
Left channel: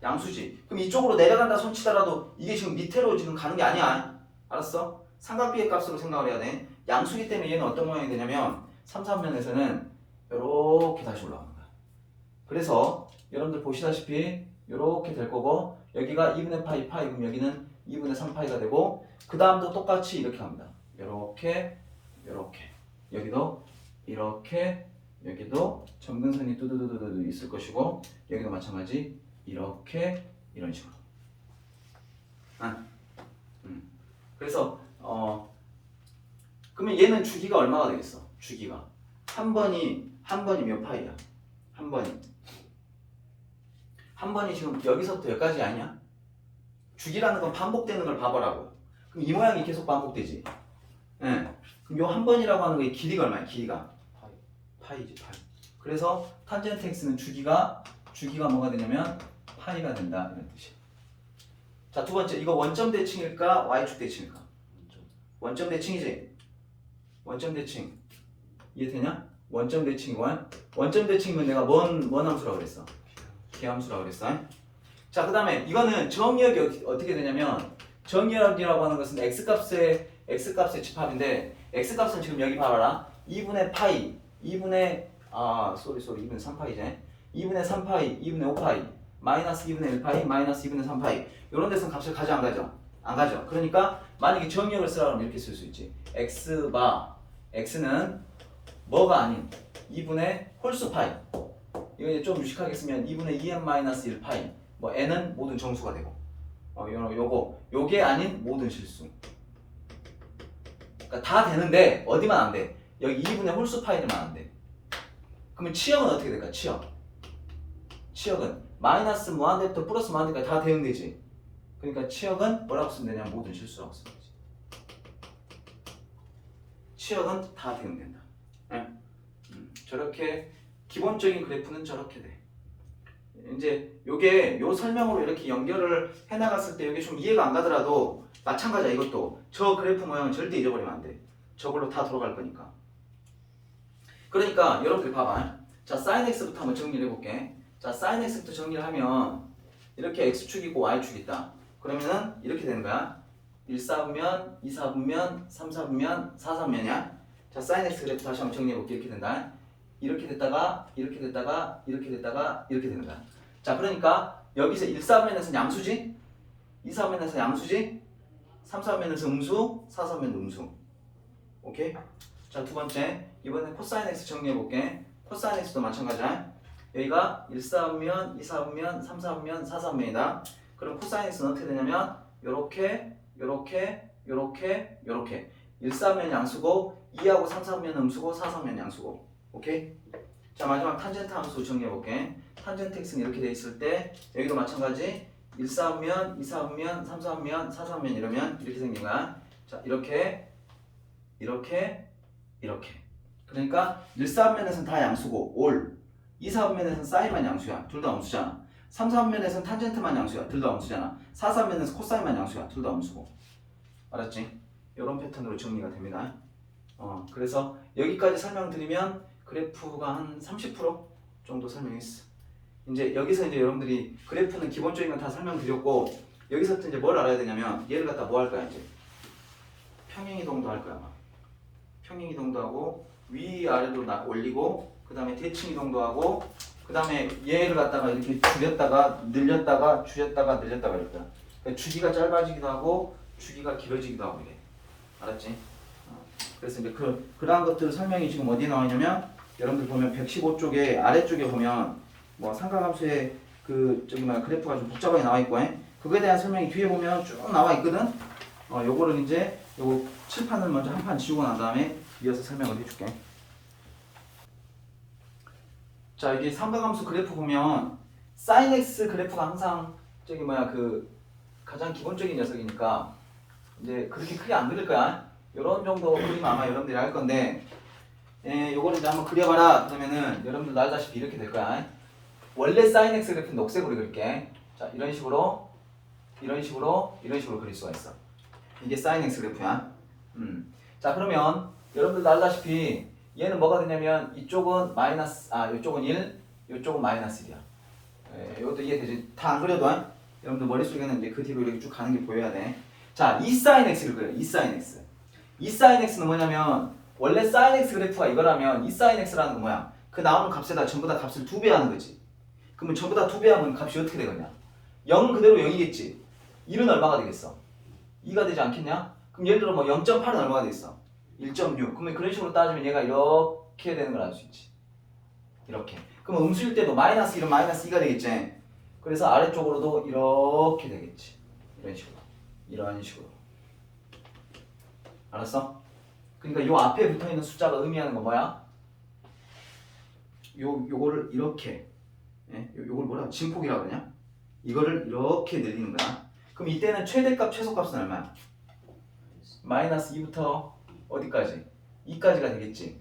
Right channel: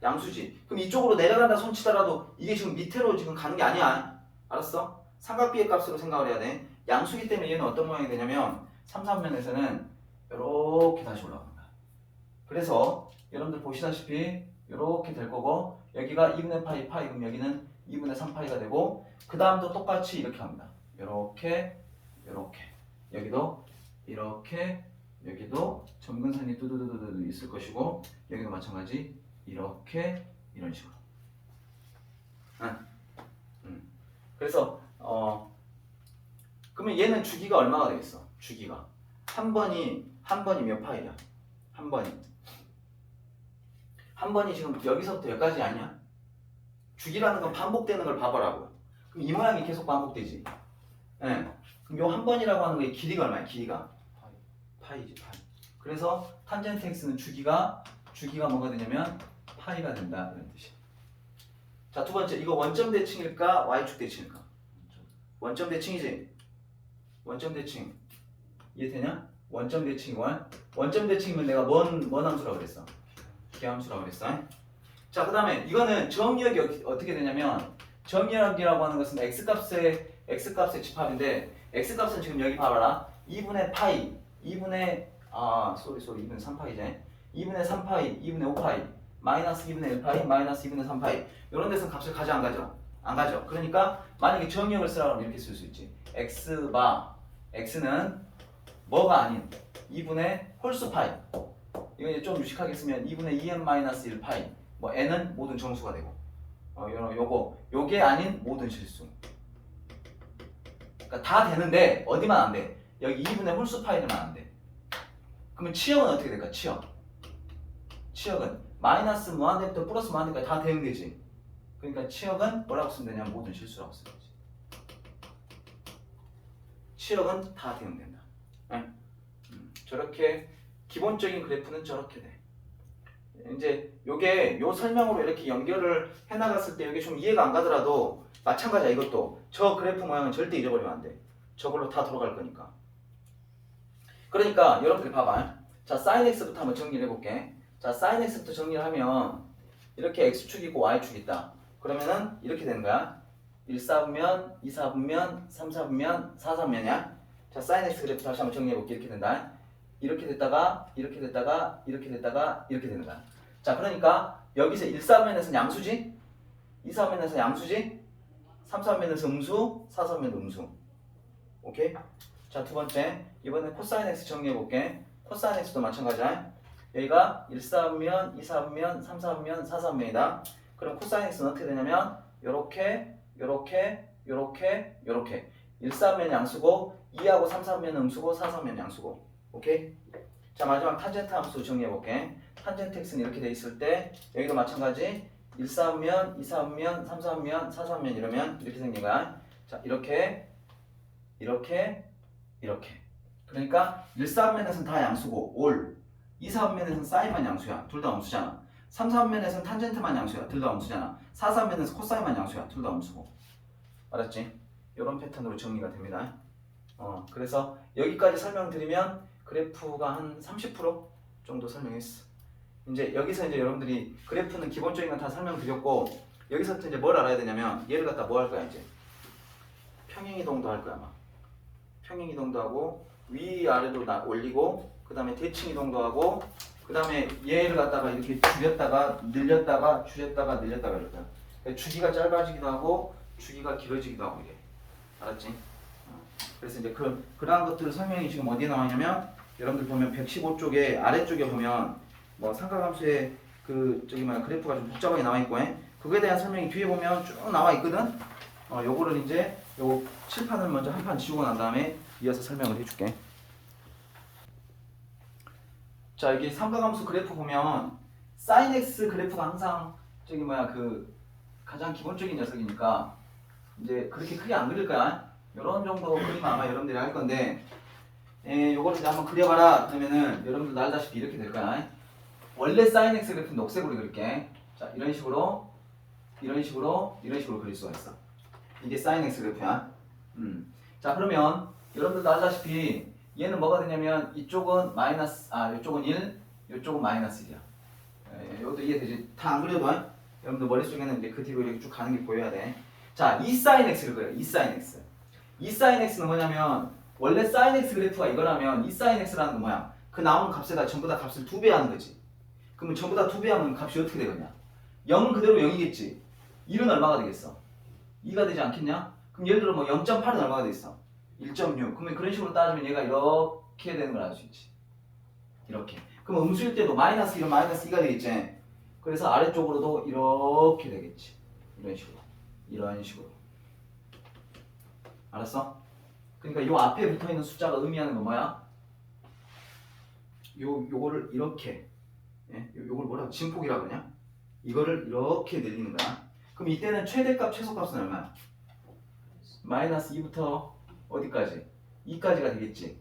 양수지. 그럼 이쪽으로 내려간다 손 치더라도 이게 지금 밑으로 지금 가는 게 아니야. 알았어? 삼각비의 값으로 생각을 해야 돼. 양수기 때문에 얘는 어떤 모양이 되냐면 3, 3면에서는 이렇게 다시 올라가는 거야. 그래서 여러분들 보시다시피 이렇게 될 거고 여기가 2분의 파이 그럼 여기는 2분의 3파이가 되고 그 다음도 똑같이 이렇게 합니다. 이렇게 여기도 이렇게 여기도 점근선이 뚜두두두두 있을 것이고 여기도 마찬가지 이렇게 이런 식으로. 그래서 그러면 얘는 주기가 얼마가 되겠어? 주기가 한 번이 몇 파이야? 한 번이 지금 여기서부터 여기까지 아니야? 주기라는 건 반복되는 걸 봐보라고. 그럼 이 모양이 계속 반복되지. 예. 그럼 요 한 번이라고 하는 거의 길이가 얼마야? 길이가 파이지. 그래서 탄젠트 x는 주기가 뭐가 되냐면 파이가 된다 이런 뜻이야. 자, 두 번째 이거 원점 대칭일까 y축 대칭일까? 원점 대칭이지. 원점 대칭 이해되냐? 원점 대칭이고 원점 대칭이면 내가 뭔 함수라고 그랬어? 기함수라고 그랬어. 자, 그 다음에 이거는 정의역이 어떻게 되냐면 정의역이라고 하는 것은 x값의 집합인데 x값은 지금 여기 봐봐라. 2분의 파이 2분의 3파이제 2분의 3파이 2분의 5파이 마이너스 2분의 1파이 마이너스 2분의 3파이 이런 데서는 값을 가져 안 가져? 안 가져. 그러니까 만약에 정의역을 쓰라고 하면 이렇게 쓸 수 있지. x는 뭐가 아닌 2분의 홀수 파이. 이거 이제 좀 유식하게 쓰면 2분의 2n 마이너스 1파이. 뭐 n은 모든 정수가 되고. 요게 아닌 모든 실수. 그러니까 다 되는데 어디만 안 돼? 여기 2분의 홀수 파이들만 안 돼. 그러면 치역은 어떻게 될까? 치역은 마이너스 무한대부터 플러스 무한대까지 다 대응되지. 그러니까 치역은 뭐라고 쓰면 되냐? 모든 실수라고 쓰면 되지. 치역은 다 대응된다. 저렇게 기본적인 그래프는 저렇게 돼. 이제 요게 요 설명으로 이렇게 연결을 해나갔을 때 이게 좀 이해가 안 가더라도 마찬가지야. 이것도 저 그래프 모양은 절대 잊어버리면 안 돼. 저걸로 다 들어갈 거니까. 그러니까 여러분들 봐봐. 자, sin x부터 한번 정리를 해볼게. 자, sin x부터 정리를 하면 이렇게 x축 있고 y축 있다. 그러면은 이렇게 되는 거야. 1, 4분면, 2, 4분면, 3, 4분면, 4, 3분면이야. 자, sin x 그래프 다시 한번 정리해볼게. 이렇게 된다. 이렇게 됐다가 이렇게 됐다가 이렇게 됐다가 이렇게 되는 거야. 자, 그러니까 여기서 1사면에서 양수지, 2사면에서 양수지, 3사면에서 음수, 4사면도 음수. 오케이? 자, 두 번째 이번엔 코사인 x 정리해볼게. 코사인 x도 마찬가지야. 여기가 1사면, 2사면, 3사면, 4사면이다. 그럼 코사인 x는 어떻게 되냐면 요렇게 요렇게 요렇게 요렇게 1사면 양수고 2하고 3사면 음수고 4사면 양수고. 오케이? 자, 마지막 탄젠트 함수 정리해볼게. 탄젠트 x는 이렇게 돼 있을 때 여기도 마찬가지 1사면, 2사면, 3사면, 4사면 이러면 이렇게 생긴 거야. 자, 이렇게 이렇게 이렇게. 그러니까 1사면에서는 다 양수고 올, 2사면에서는 사인만 양수야. 둘 다 음수잖아. 3사면에서는 탄젠트만 양수야. 둘 다 음수잖아. 4사면에서 코사인만 양수야. 둘 다 음수고. 알았지? 이런 패턴으로 정리가 됩니다. 그래서 여기까지 설명드리면 그래프가 한 30% 정도 설명했어. 이제 여기서 이제 여러분들이 그래프는 기본적인 건 다 설명드렸고 여기서부터 이제 뭘 알아야 되냐면 얘를 갖다 뭐 할 거야 이제 평행이동도 할 거야. 아마. 평행이동도 하고 위아래로 올리고 그 다음에 대칭이동도 하고 그 다음에 얘를 갖다가 이렇게 줄였다가 늘렸다가 줄였다가 늘렸다가 이럴 거야. 그러니까 주기가 짧아지기도 하고 주기가 길어지기도 하고 이래. 알았지? 그래서 이제 그런 것들 설명이 지금 어디에 나와 있냐면 여러분들 보면 115쪽에 아래쪽에 보면 뭐 삼각함수의 그래프가 좀 복잡하게 나와 있고 그거에 대한 설명이 뒤에 보면 쭉 나와 있거든. 요거를 이제 요 칠판을 먼저 한 판 지우고 난 다음에 이어서 설명을 해줄게. 자, 여기 삼각함수 그래프 보면 sin x 그래프가 항상 가장 기본적인 녀석이니까 이제 그렇게 크게 안 그릴 거야. 이런 정도 그림 아마 여러분들이 할 건데 요거를 이제 한번 그려봐라. 그러면은 여러분들 알다시피 이렇게 될 거야. 원래 sin x 그래프는 녹색으로 그릴게. 자, 이런 식으로 그릴 수가 있어. 이게 sin x 그래프야. 자, 그러면 여러분들도 알다시피 얘는 뭐가 되냐면 이쪽은 이쪽은 1, 이쪽은 -1이야. 이것도 이해되지? 다 안 그려도 여러분들 머릿속에는 이제 그 뒤로 이렇게 쭉 가는 게 보여야 돼. 자, 2 sin x를 그려요. 2 sin x. 2 sin x는 뭐냐면 원래 sin x 그래프가 이거라면 2 sin x라는 건 뭐야? 그 나오는 값에다 전부 다 값을 2배 하는 거지. 그러면 전부 다 2배 하면 값이 어떻게 되겠냐? 0 그대로 0이겠지. 1은 얼마가 되겠어? 2가 되지 않겠냐? 그럼 예를 들어 뭐 0.8은 얼마가 되겠어? 1.6. 그러면 그런 식으로 따지면 얘가 이렇게 되는 걸 알 수 있지. 이렇게. 그럼 음수일 때도 -1은 -2가 되겠지. 그래서 아래쪽으로도 이렇게 되겠지. 이런 식으로. 알았어? 그러니까 요 앞에 붙어 있는 숫자가 의미하는 건 뭐야? 요거를 이렇게, 요걸 뭐라고 증폭이라고 그러냐? 이거를 이렇게 늘리는 거야. 그럼 이때는 최대값, 최소값은 얼마야? -2부터 어디까지? 2까지가 되겠지.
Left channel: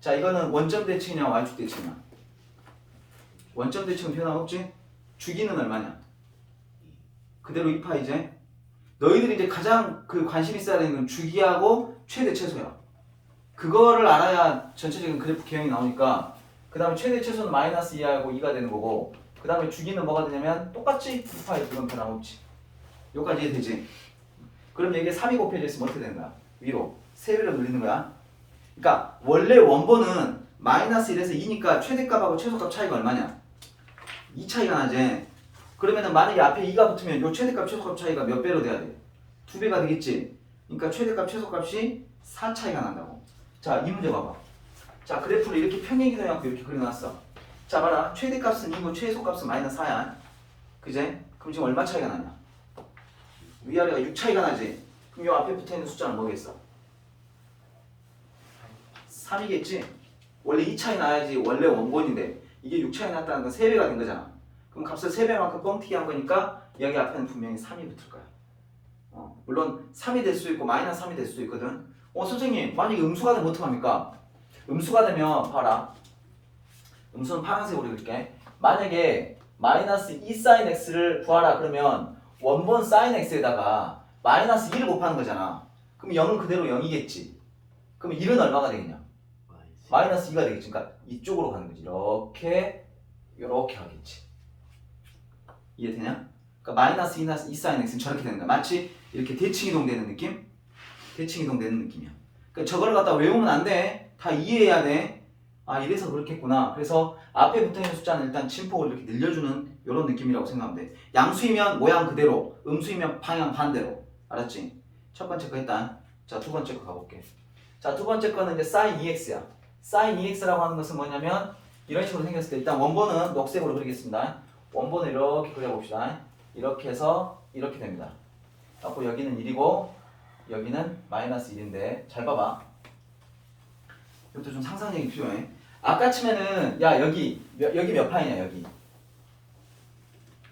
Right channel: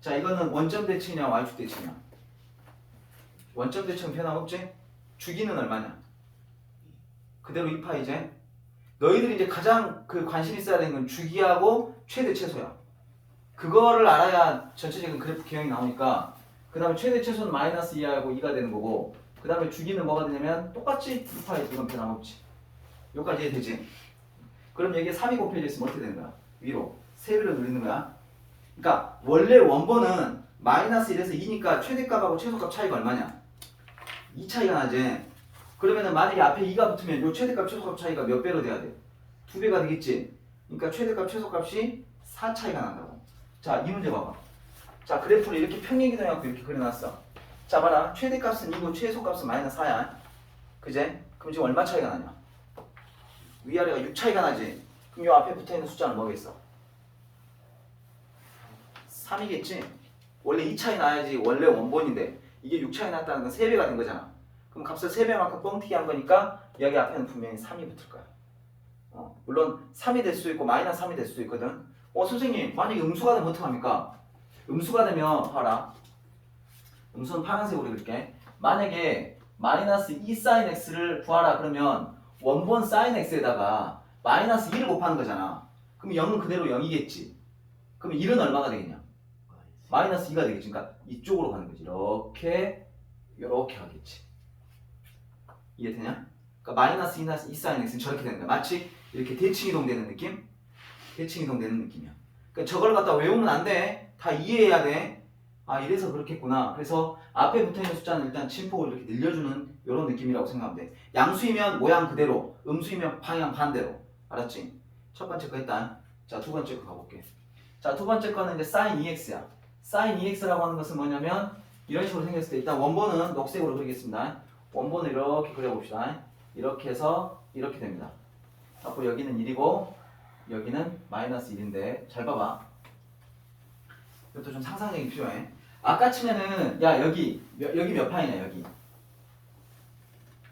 자, 이거는 원점 대칭이냐 y축 대칭이냐? 원점 대칭은 변함없지? 주기는 얼마냐? 그대로 2파이제. 너희들이 이제 가장 관심 있어야 되는 건 주기하고 최대 최소야. 그거를 알아야 전체적인 그래프 기형이 나오니까 그 다음에 최대 최소는 -2하고 2가 되는 거고 그 다음에 주기는 뭐가 되냐면 똑같이 2파이 이건 변함없지. 여기까지 이해되지? 그럼 여기에 3이 곱해져 있으면 어떻게 되는 거야? 위로 3배로 늘리는 거야. 그러니까 원래 원본은 -1에서 2니까 최대값하고 최소값 차이가 얼마냐? 2 차이가 나지. 그러면은 만약에 앞에 2가 붙으면 요 최대값 최소값 차이가 몇 배로 돼야 돼? 2배가 되겠지. 그러니까 최대값 최소값이 4 차이가 난다고. 자, 이 문제 봐봐. 자, 그래프를 이렇게 평행이동해갖고 이렇게 그려놨어. 자, 봐라. 최대값은 2고 최소값은 -4야. 그제? 그럼 지금 얼마 차이가 나냐? 위아래가 6 차이가 나지. 그럼 요 앞에 붙어있는 숫자는 뭐겠어? 3이겠지? 원래 2 차이 나야지 원래 원본인데 이게 6 차이 났다는 건 3배가 된 거잖아. 그럼 값을 3배만큼 뻥튀기 한 거니까 여기 앞에는 분명히 3이 붙을 거야. 물론 3이 될 수도 있고 -3이 될 수도 있거든. 선생님 만약에 음수가 되면 어떡합니까? 음수가 되면 봐라. 음수는 파란색으로 그릴게. 만약에 -2 sin x를 구하라 그러면 원본 sin x에다가 -1을 곱하는 거잖아. 그럼 0은 그대로 0이겠지. 그럼 1은 얼마가 되겠냐? -2가 되겠지. 그러니까 이쪽으로 가는 거지. 이렇게 하겠지. 이해되냐? 그러니까 -2 sin x는 저렇게 되는 거야. 마치 이렇게 대칭이동 되는 느낌? 대칭이동 되는 느낌이야. 그러니까 저걸 갖다 외우면 안 돼. 다 이해해야 돼. 아, 이래서 그렇겠구나. 그래서 앞에 붙어있는 숫자는 일단 침폭을 이렇게 늘려주는 이런 느낌이라고 생각하면 돼. 양수이면 모양 그대로, 음수이면 방향 반대로. 알았지? 첫 번째 거 일단. 자, 두 번째 거 가볼게. 자, 두 번째 거는 이제 sin 2x야. sin 2x라고 하는 것은 뭐냐면 이런 식으로 생겼을 때 일단 원본은 녹색으로 그리겠습니다. 원본을 이렇게 그려봅시다. 이렇게 해서 이렇게 됩니다. 앞으로 여기는 1이고 여기는 마이너스 1인데 잘 봐봐. 이것도 좀 상상력이 필요해. 아까 치면은 야 여기 몇 파이냐 여기.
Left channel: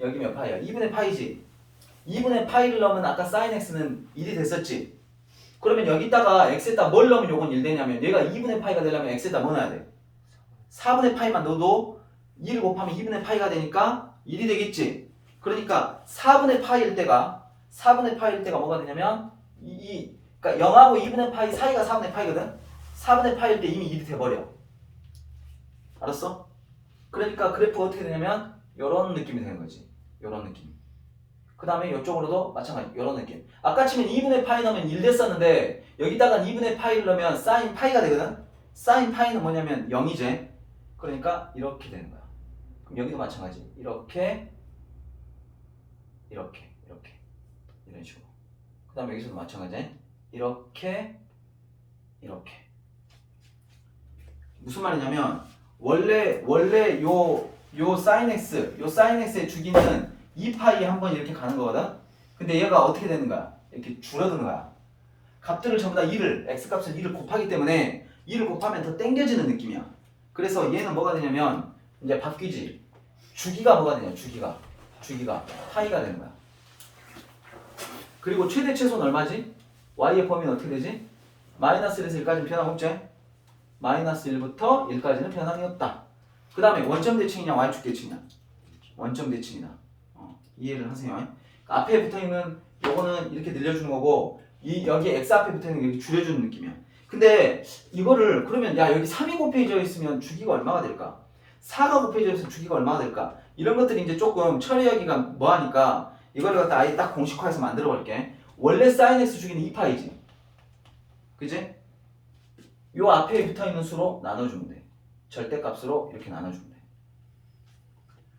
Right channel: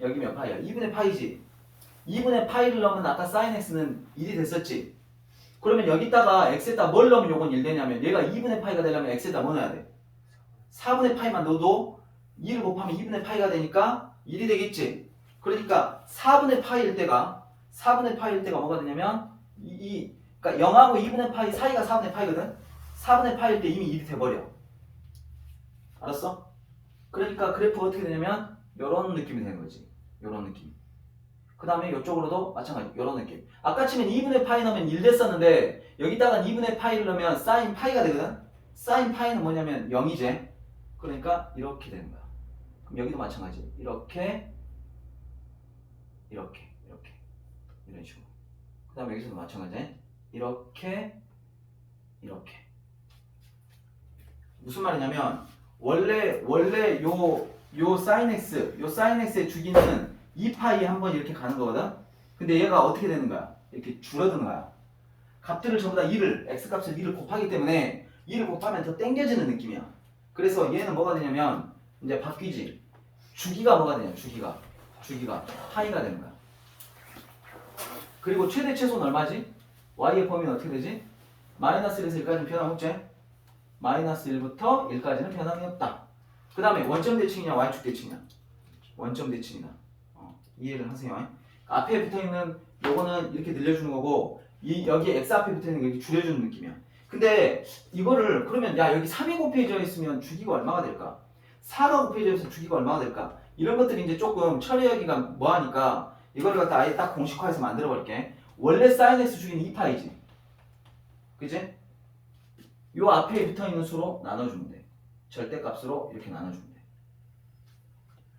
여기 몇 파이야? 2분의 파이지. 2분의 파이를 넣으면 아까 sin x는 1이 됐었지. 그러면 여기다가 x에다 뭘 넣으면 요건 1 되냐면 얘가 2분의 파이가 되려면 x에다 뭐 넣어야 돼? 4분의 파이만 넣어도 2를 곱하면 2분의 파이가 되니까 1이 되겠지. 그러니까 4분의 파이일 때가 뭐가 되냐면 그러니까 0하고 2분의 파이 사이가 4분의 파이거든. 4분의 파이일 때 이미 1이 돼버려. 알았어? 그러니까 그래프 어떻게 되냐면 요런 느낌이 되는 거지. 요런 느낌. 그 다음에 이쪽으로도 마찬가지 요런 느낌. 아까 치면 2분의 파이 넣으면 1 됐었는데 여기다가 2분의 파이를 넣으면 sin 파이가 되거든. sin 파이는 뭐냐면 0이지. 그러니까 이렇게 되는 거야. 그럼 여기도 마찬가지. 이렇게 이런 식으로. 그 다음에 여기서도 마찬가지. 이렇게 무슨 말이냐면 원래 요 sin x의 주기는 2파이 한번 이렇게 가는 거거든. 근데 얘가 어떻게 되는 거야? 이렇게 줄어드는 거야. 값들을 전부 다 2를 x값을 2를 곱하기 때문에 2를 곱하면 더 당겨지는 느낌이야. 그래서 얘는 뭐가 되냐면 이제 바뀌지. 주기가 뭐가 되냐? 주기가 파이가 되는 거야. 그리고 최대 최소는 얼마지? y의 범위는 어떻게 되지? 마이너스 1에서 1까지는 변함없지? 마이너스 1부터 1까지는 변함이 없다. 그 다음에 원점 대칭이냐 y축 대칭이냐? 원점 대칭이다. 이해를 하세요. 앞에 붙어있는 요거는 이렇게 늘려주는 거고 여기 x 앞에 붙어있는 게 이렇게 줄여주는 느낌이야. 근데 이거를 그러면 야 여기 3이 곱해져 있으면 주기가 얼마가 될까? 4가 곱해져 있으면 주기가 얼마가 될까? 이런 것들이 이제 조금 처리하기가 뭐하니까 이거를 갖다 아예 딱 공식화해서 만들어 볼게. 원래 sin x 주기는 2파이지. 그지? 요 앞에 붙어있는 수로 나눠주면 돼. 절대값으로 이렇게 나눠주면 돼.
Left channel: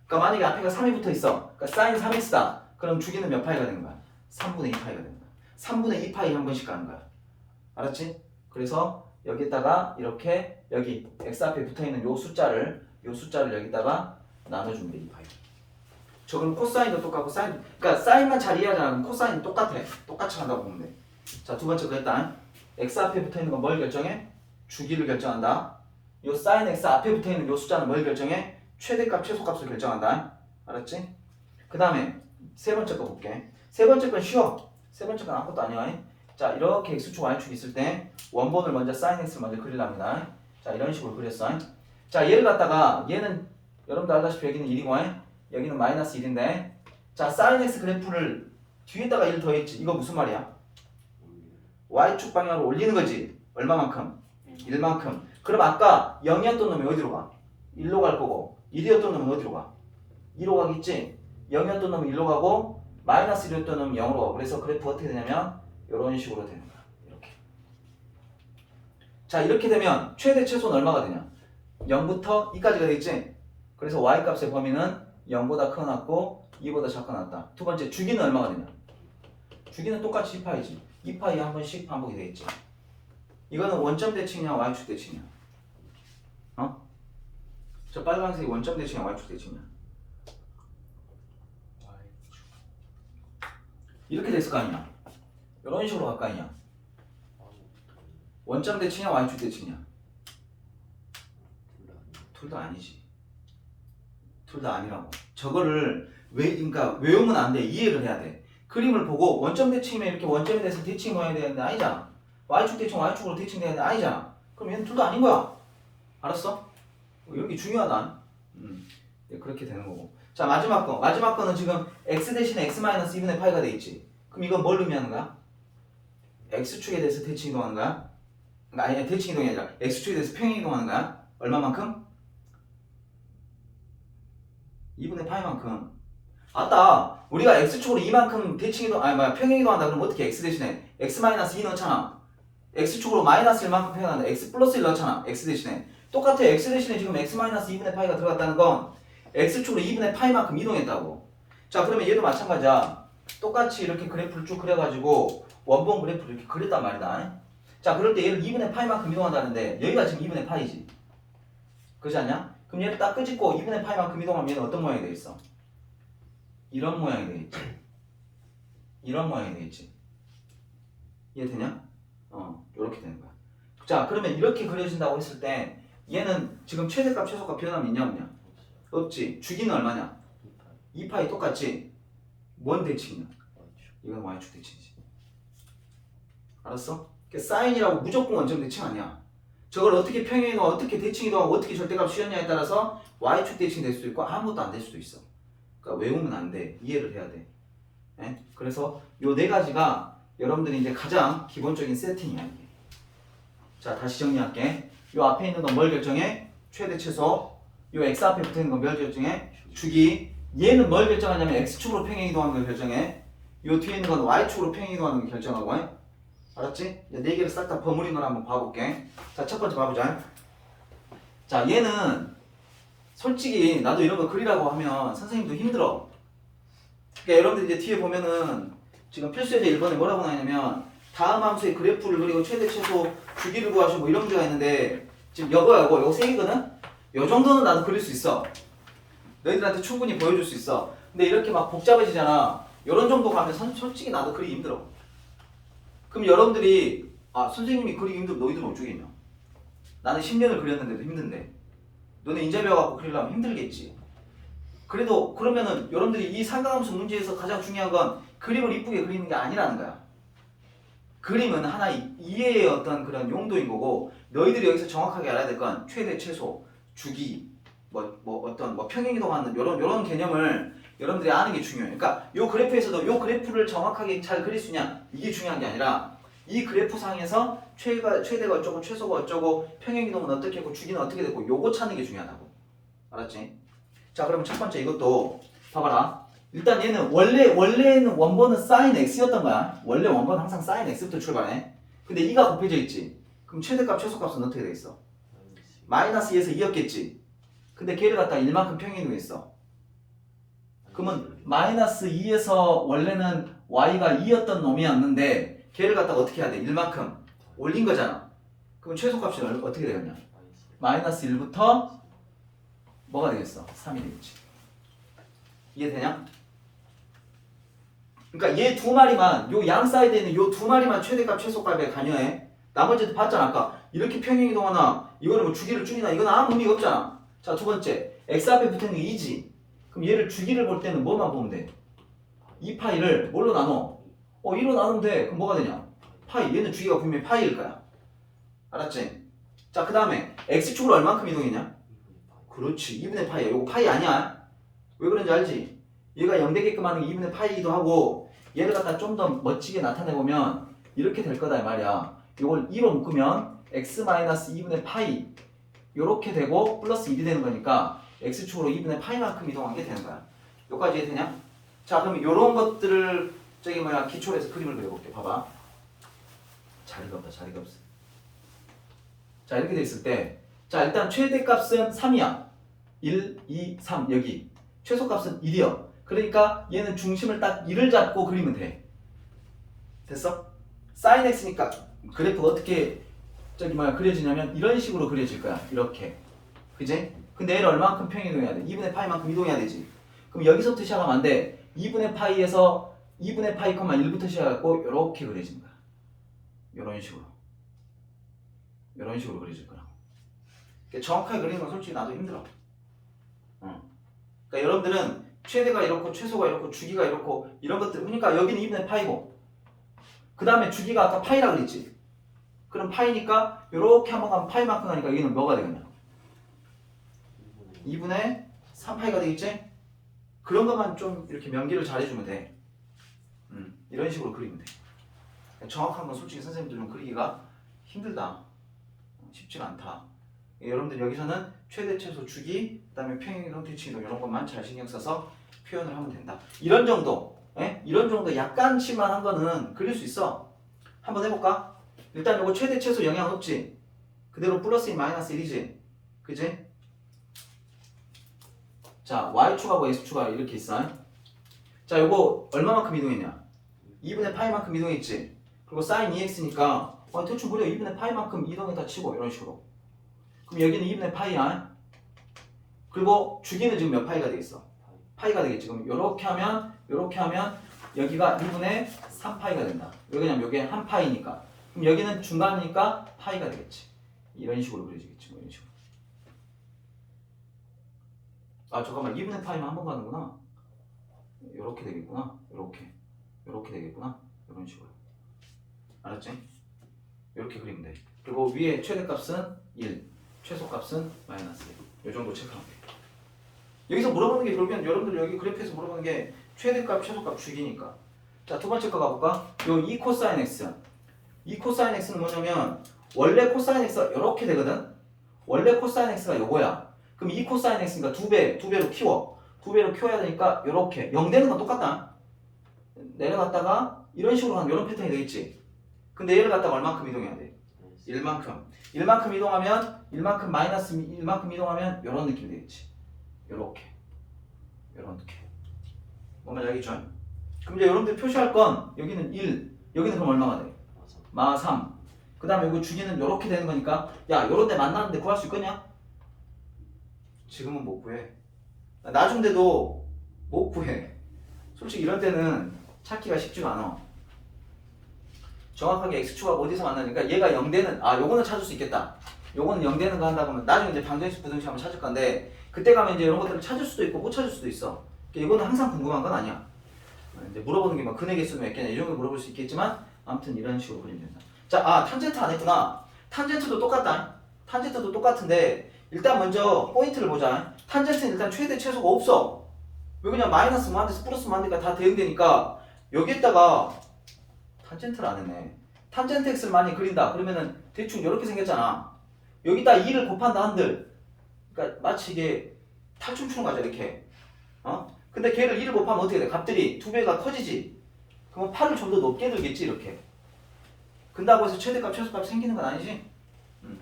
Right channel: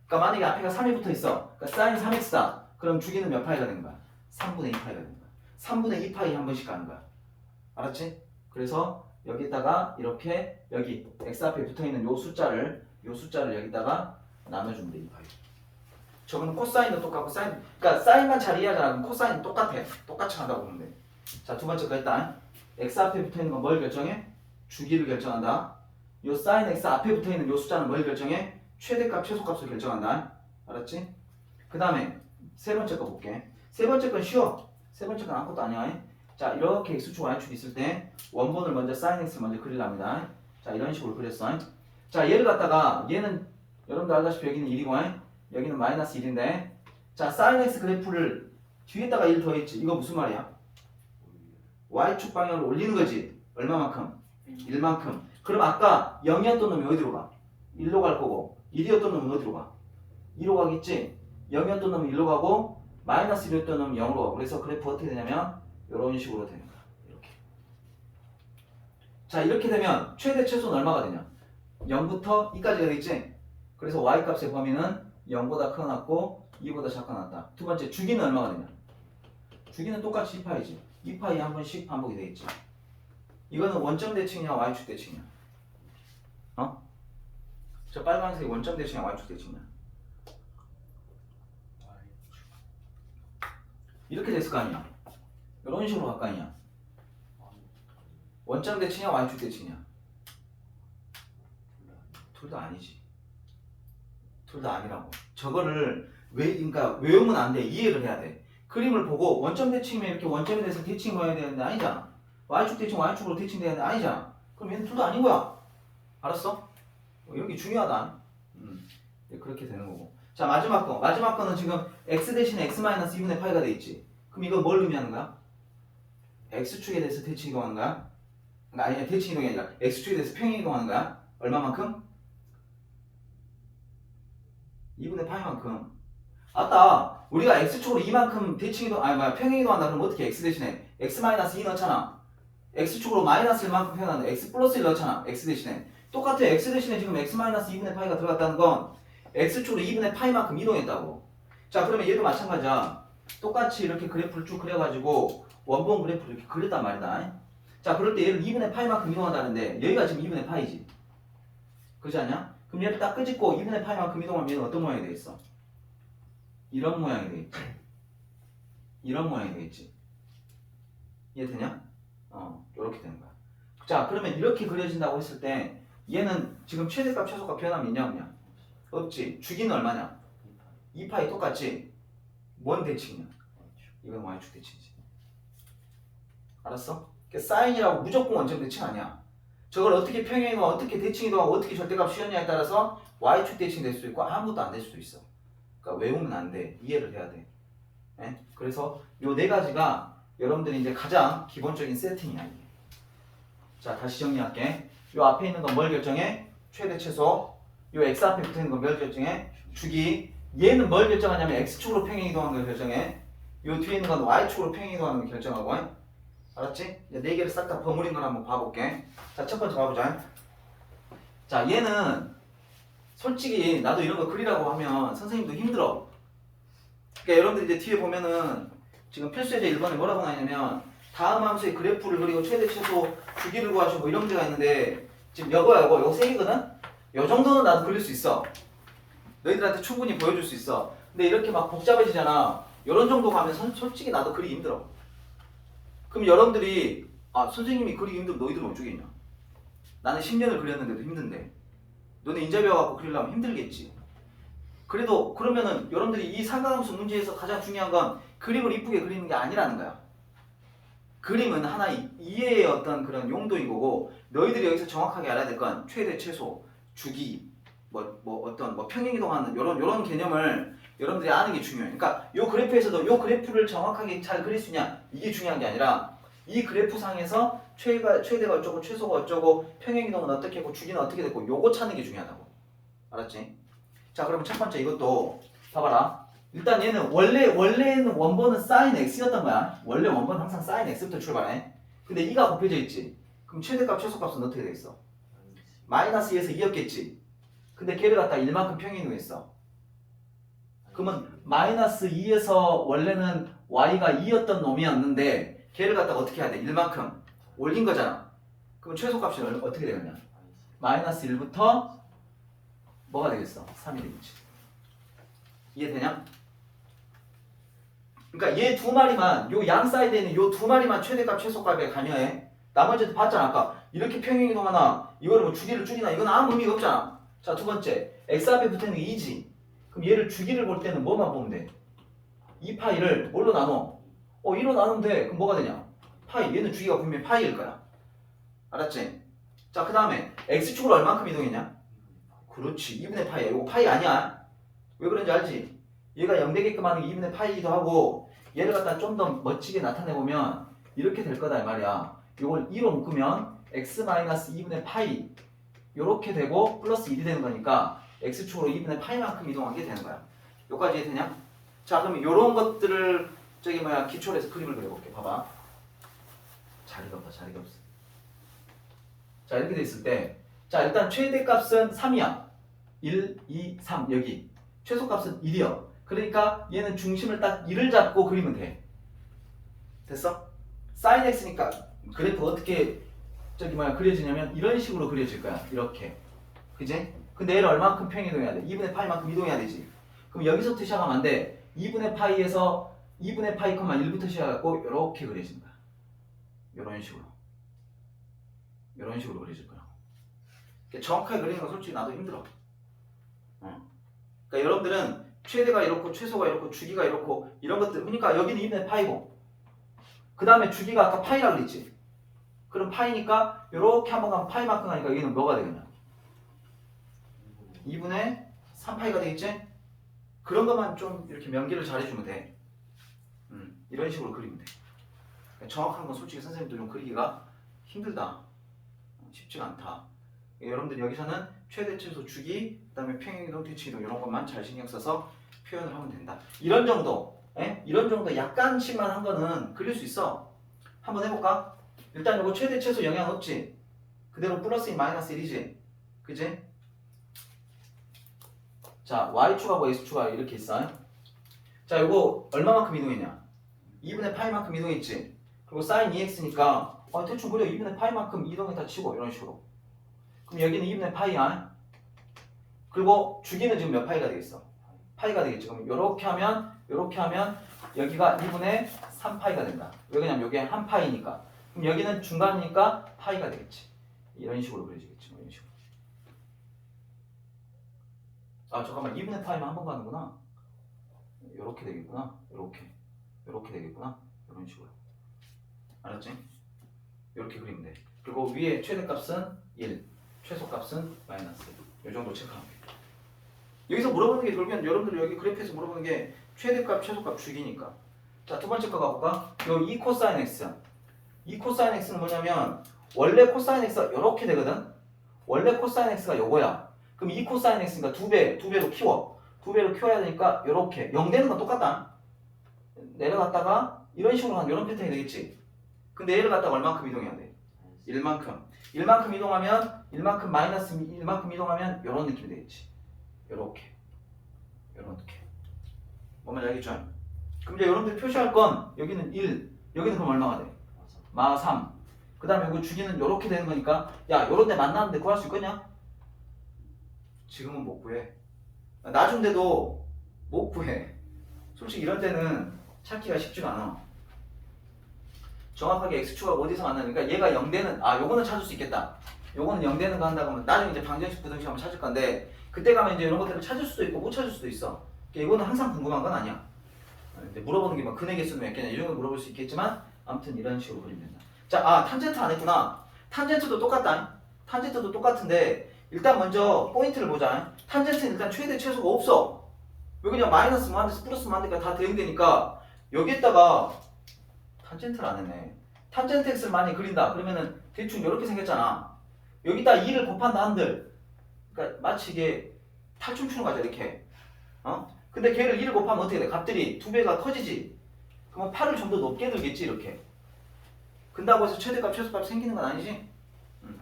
그러니까 만약에 앞에가 3이 붙어있어. 그러니까 sin 3x다. 그럼 주기는 몇 파이가 되는 거야? 3분의 2파이가 되는 거야. 3분의 2파이 한 번씩 가는 거야. 알았지? 그래서 여기다가 이렇게 여기 x 앞에 붙어있는 요 숫자를 여기다가 나눠주면 돼. 2파이. 저건 코사인도 똑같고 사인, 그러니까 사인만 잘 이해하잖아. 그럼 코사인 똑같아. 똑같이 간다고 보면 돼. 자, 두 번째 거 일단 x 앞에 붙어있는 건 뭘 결정해? 주기를 결정한다. 요 sin x 앞에 붙어있는 요 숫자는 뭘 결정해? 최대값, 최소값을 결정한다. 알았지? 그 다음에 세 번째 거 볼게. 세 번째 건 쉬워. 세 번째 건 아무것도 아니야. 자, 이렇게 x축, y축 있을 때 원본을 먼저 sin x를 먼저 그리랍니다. 자, 이런 식으로 그렸어. 자, 얘를 갖다가 얘는 여러분들 알다시피 여기는 1이고 여기는 마이너스 1인데 자, sin x 그래프를 뒤에다가 1 더했지. 이거 무슨 말이야? y축 방향으로 올리는 거지. 얼마만큼? 1만큼. 그럼 아까 0이었던 놈이 어디로 가? 1로 갈 거고 1이었던 놈은 어디로 가? 2로 가겠지? 0이었던 놈은 1로 가고 마이너스 1이었던 놈은 0으로 가고 그래서 그래프 어떻게 되냐면 이런 식으로 되는 거야. 이렇게. 자, 이렇게 되면 최대 최소는 얼마가 되냐? 0부터 2까지가 되겠지? 그래서 y값의 범위는 0보다 커놨고 2보다 작고 나왔다. 두 번째 주기는 얼마가 되냐? 주기는 똑같이 2파이지. 2파이 한 번씩 반복이 되겠지. 이거는 원점 대칭이냐 y축 대칭이냐? 저 빨간색이 원점 대칭이냐 y축 대칭이냐? 이렇게 됐을 거 아니야? 이런 식으로 갈 거 아니야? 원점 대칭이냐 y축 대칭이냐? 둘 다 아니지. 둘 다 아니라고. 저거를 그러니까 외우면 안 돼. 이해를 해야 돼. 그림을 보고 원점 대칭이면 이렇게 원점에 대해서 대칭이 해야 되는데 아니잖아. y축 대칭 y축으로 대칭되는데 아니잖아. 그럼 얘는 둘 다 아닌 거야. 알았어? 여기 중요하다. 그렇게 되는 거고. 자, 마지막 거는 지금 x 대신에 x-2분의 파이가 돼 있지. 그럼 이건 뭘 의미하는 거야? x축에 대해서 대칭 이동하는 거야? 아니, 대칭 이동이 아니라 x축에 대해서 평행 이동하는 거야. 얼마만큼? 2분의 파이만큼. 아따, 우리가 x축으로 2만큼 대칭 이동, 평행 이동한다. 그럼 어떻게 x 대신에 x-2 넣잖아. x축으로 마이너스 1만큼 표현한다. x 플러스 1 넣잖아. x 대신에. 똑같아. x 대신에 지금 x 마이너스 2분의 파이가 들어갔다는 건 x축으로 2분의 파이만큼 이동했다고. 자, 그러면 얘도 마찬가지야. 똑같이 이렇게 그래프를 쭉 그려가지고 원본 그래프를 이렇게 그렸단 말이다. 자, 그럴 때 얘를 2분의 파이만큼 이동한다는데 여기가 지금 2분의 파이지. 그렇지 않냐? 그럼 얘를 딱 끄집고 2분의 파이만큼 이동하면 얘는 어떤 모양이 되겠어? 이런 모양이 되겠지. 이런 모양이 되겠지. 이해되냐? 이렇게 되는 거야. 자, 그러면 이렇게 그려진다고 했을 때 얘는 지금 최대값 최소값 변함이 있냐 없냐? 없지. 주기는 얼마냐? 2파이 똑같지? 뭔 대칭이냐? 이건 y축 대칭이지. 알았어? 사인이라고 무조건 원점 대칭 아니야. 저걸 어떻게 평행이동, 어떻게 대칭이동하고 어떻게 절대값 씌웠냐에 따라서 y축 대칭이 될 수도 있고 아무것도 안 될 수도 있어. 그러니까 외우면 안 돼. 이해를 해야 돼. 네? 그래서 요 네 가지가 여러분들이 이제 가장 기본적인 세팅이야 이게. 자, 다시 정리할게. 요 앞에 있는 건 뭘 결정해? 최대 최소. 요 x 앞에 붙어 있는 건 뭘 결정해? 주기. 얘는 뭘 결정하냐면 x축으로 평행 이동하는 걸 결정해. 요 뒤에 있는 건 y축으로 평행 이동하는 걸 결정하고. 알았지? 이제 네 개를 싹 다 버무린 걸 한번 봐볼게. 자, 첫 번째 봐보자. 자, 얘는 솔직히 나도 이런 거 그리라고 하면 선생님도 힘들어. 그러니까 여러분들 이제 뒤에 보면은 지금 필수예제 1번에 뭐라고 나있냐면 다음 함수의 그래프를 그리고 최대 최소 주기를 구하시고 뭐 이런 문제가 있는데 지금 요거 세 개거든? 요 정도는 나도 그릴 수 있어. 너희들한테 충분히 보여줄 수 있어. 근데 이렇게 막 복잡해지잖아. 요런 정도 가면 솔직히 나도 그리기 힘들어. 그럼 여러분들이 선생님이 그리기 힘들면 너희들은 어쩌겠냐? 나는 10년을 그렸는데도 힘든데 너네 인제 배워갖고 그리려면 힘들겠지. 그래도 그러면은 여러분들이 이 삼각함수 문제에서 가장 중요한 건 그림을 이쁘게 그리는 게 아니라는 거야. 그림은 하나의 이해의 어떤 그런 용도인 거고 너희들이 여기서 정확하게 알아야 될 건 최대 최소 주기 어떤 평행 이동하는 요런 개념을 여러분들이 아는 게 중요해요. 그러니까 요 그래프에서도 요 그래프를 정확하게 잘 그릴 수 있냐 이게 중요한 게 아니라 이 그래프 상에서 최대가 어쩌고 최소가 어쩌고 평행 이동은 어떻게 했고 주기는 어떻게 됐고 요거 찾는 게 중요하다고. 알았지? 자, 그러면 첫 번째 이것도 봐봐라. 일단 얘는 원래는 원본은 sin x였던 거야. 원래 원본은 항상 sin x부터 출발해. 근데 2가 곱해져 있지. 그럼 최대값 최소값은 어떻게 돼 있어? 마이너스 2에서 2였겠지. 근데 걔를 갖다 1만큼 평행 이동했어. 그러면 마이너스 2에서 원래는 y가 2였던 놈이었는데 걔를 갖다가 어떻게 해야 돼? 1만큼 올린 거잖아. 그러면 최소값은 어떻게 되겠냐? 마이너스 1부터 뭐가 되겠어? 3이 되겠지. 이해되냐? 그러니까 얘 두 마리만 요 양 사이드에 있는 요 두 마리만 최대값 최소값에 관여해. 나머지도 봤잖아. 아까 이렇게 평행 이동하나 이거는 뭐 주기를 줄이나 이건 아무 의미가 없잖아. 자, 두 번째 x 앞에 붙어있는 게 2지. 그럼 얘를 주기를 볼 때는 뭐만 보면 돼? 2파이를 뭘로 나눠? 2로 나누면 돼. 그럼 뭐가 되냐? 파이. 얘는 주기가 분명히 파이일 거야. 알았지? 자, 그 다음에 x축으로 얼만큼 이동했냐? 그렇지. 2분의 파이야. 이거 파이 아니야? 왜 그런지 알지? 얘가 0 되게끔 하는 게 2분의 파이이기도 하고 얘를 갖다 좀 더 멋지게 나타내보면 이렇게 될 거다 이 말이야. 이걸 2로 묶으면 x-2분의 파이 요렇게 되고 플러스 1이 되는 거니까 x축으로 2분의 파이만큼 이동한 게 되는 거야. 여기까지 이해되냐? 자, 그러면 요런 것들을 기초로 해서 그림을 그려볼게. 봐봐. 자리가 없다. 자리가 없어. 자, 이렇게 돼 있을 때 자, 일단 최대값은 3이야. 1, 2, 3 여기. 최소값은 1이요. 그러니까 얘는 중심을 딱 1을 잡고 그리면 돼. 됐어? sin x니까 그래프가 어떻게 그려지냐면 이런 식으로 그려질 거야. 이렇게. 그지? 근데 얘를 얼마만큼 평행이동해야 돼? 2분의 파이만큼 이동해야 되지. 그럼 여기서부터 시작하면 안 돼. 2분의 파이에서 2분의 파이, 1부터 시작하고 이렇게 그려지는 거야. 이런 식으로. 이런 식으로 그려질 거야. 정확하게 그리는 건 솔직히 나도 힘들어. 그러니까 여러분들은 최대가 이렇고 최소가 이렇고 주기가 이렇고 이런 것들 그러니까 여기는 2분의 파이고 그 다음에 주기가 아까 파이라 그랬지. 그럼 파이니까 이렇게 한번 가면 파이만큼 가니까 여기는 뭐가 되겠냐? 2분의 3파이가 되겠지? 그런 것만 좀 이렇게 명기를 잘 해주면 돼. 이런 식으로 그리면 돼. 정확한 건 솔직히 선생님들 좀 그리기가 힘들다. 쉽지가 않다. 여러분들 여기서는 최대 최소 주기, 그 다음에 평행이동, 대칭이동 이런 것만 잘 신경 써서 표현을 하면 된다. 이런 정도, 이런 정도 약간씩만 한 거는 그릴 수 있어. 한번 해볼까? 일단 이거 최대 최소 영향 없지. 그대로 플러스 마이너스 1이지. 그지? 자, y축하고 x축하고 이렇게 있어. 자, 이거 얼마만큼 이동했냐? 2분의 파이만큼 이동했지. 그리고 sin 2x니까 대충 그려 2분의 파이만큼 이동했다 치고 이런 식으로. 그럼 여기는 2분의 파이야. 그리고 주기는 지금 몇 파이가 되겠어? 파이가 되겠지. 그럼 이렇게 하면 여기가 2분의 3파이가 된다. 왜 그러냐면 여기에 한 파이니까. 그럼 여기는 중간이니까 파이가 되겠지. 이런 식으로 그려지겠지. 뭐 이런 식으로. 아 잠깐만 2분의 파이만 한 번 가는구나. 이렇게 되겠구나. 이렇게 되겠구나. 이런 식으로. 알았지? 이렇게 그리면 돼. 그리고 위에 최대값은 1, 최소값은 마이너스 1. 이 정도 체크하면 돼. 여기서 물어보는 게 결국엔 여러분들 여기 그래프에서 물어보는 게 최대값, 최소값 주기니까. 자, 두 번째 거 가볼까? 요 2 코사인 x. 2 코사인 x는 뭐냐면 원래 코사인 x가 이렇게 되거든. 원래 코사인 x가 요거야. 그럼 2 코사인 x니까 두 배로 키워. 두 배로 키워야 되니까 이렇게 0 되는 건 똑같다. 내려갔다가 이런 식으로 하면 이런 패턴이 되겠지. 근데 얘를 갖다가 얼만큼 이동해야 돼? 1만큼. 1만큼 이동하면 1만큼 마이너스 1만큼 이동하면 이런 느낌이 되겠지. 이렇게 뭔 말인지 알겠죠? 그럼 이제 여러분들 표시할 건 여기는 1, 여기는 그럼 얼마가 돼? 마 3. 그 다음에 여기 주기는 이렇게 되는 거니까 야 요런 데 만나는데 구할 수 있겠냐? 지금은 못 구해. 나중 돼도 못 구해. 솔직히 이런 때는 찾기가 쉽지가 않아. 정확하게 x축하고 어디서 만나니까 얘가 0되는 요거는 찾을 수 있겠다. 요거는 0되는 거 한다고 하면 나중에 이제 방정식 부등식 한번 찾을 건데 그때 가면 이제 이런 것들을 찾을 수도 있고 못 찾을 수도 있어. 이거는 항상 궁금한 건 아니야. 이제 물어보는 게 뭐 근의 개수는 몇 개냐 이 정도 물어볼 수 있겠지만 아무튼 이런 식으로 그리면 된다. 자, 탄젠트 안 했구나. 탄젠트도 똑같다. 탄젠트도 똑같은데 일단 먼저 포인트를 보자. 탄젠트는 일단 최대 최소가 없어. 왜 그냥 마이너스 만데서 플러스 만데가 다 대응되니까 여기에다가 탄젠트를 안 했네. 탄젠트 x를 많이 그린다. 그러면은 대충 이렇게 생겼잖아. 여기다 2를 곱한다 한들. 그러니까 마치 이게 탈춤추는 거죠 이렇게. 근데 걔를 1을 곱하면 어떻게 돼? 값들이 두 배가 커지지. 그러면 8을 좀 더 높게 들겠지 이렇게. 근다고 해서 최대값 최소값 생기는 건 아니지?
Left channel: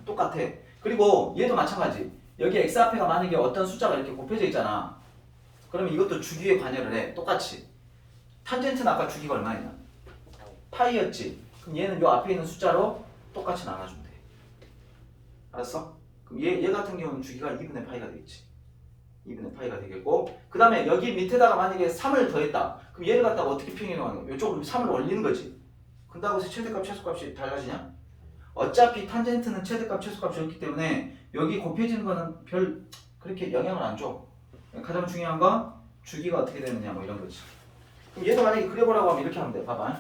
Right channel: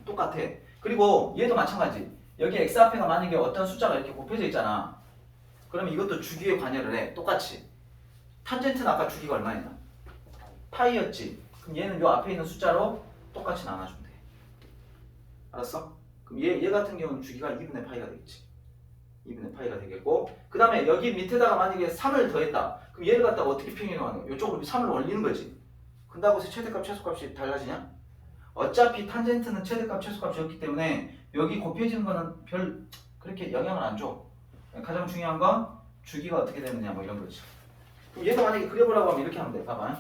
똑같아. 그리고 얘도 마찬가지. 여기 x 앞에가 만약에 어떤 숫자가 이렇게 곱해져 있잖아. 그러면 이것도 주기에 관여를 해. 똑같이. 탄젠트는 아까 주기가 얼마냐? 파이였지. 그럼 얘는 요 앞에 있는 숫자로 똑같이 나눠주면 돼. 알았어? 그럼 얘 같은 경우는 주기가 2분의 파이가 되겠지. 2분의 파이가 되겠고 그 다음에 여기 밑에다가 만약에 3을 더했다. 그럼 얘를 갖다가 어떻게 평행하는 거야? 이쪽으로 3을 올리는 거지. 근다고 해서 최대값 최소값이 달라지냐? 어차피 탄젠트는 최대값 최소값이었기 때문에 여기 곱해지는 거는 별 그렇게 영향을 안 줘. 가장 중요한 건 주기가 어떻게 되느냐 뭐 이런 거지. 그럼 얘도 만약에 그려보라고 하면 이렇게 하면 돼. 봐봐.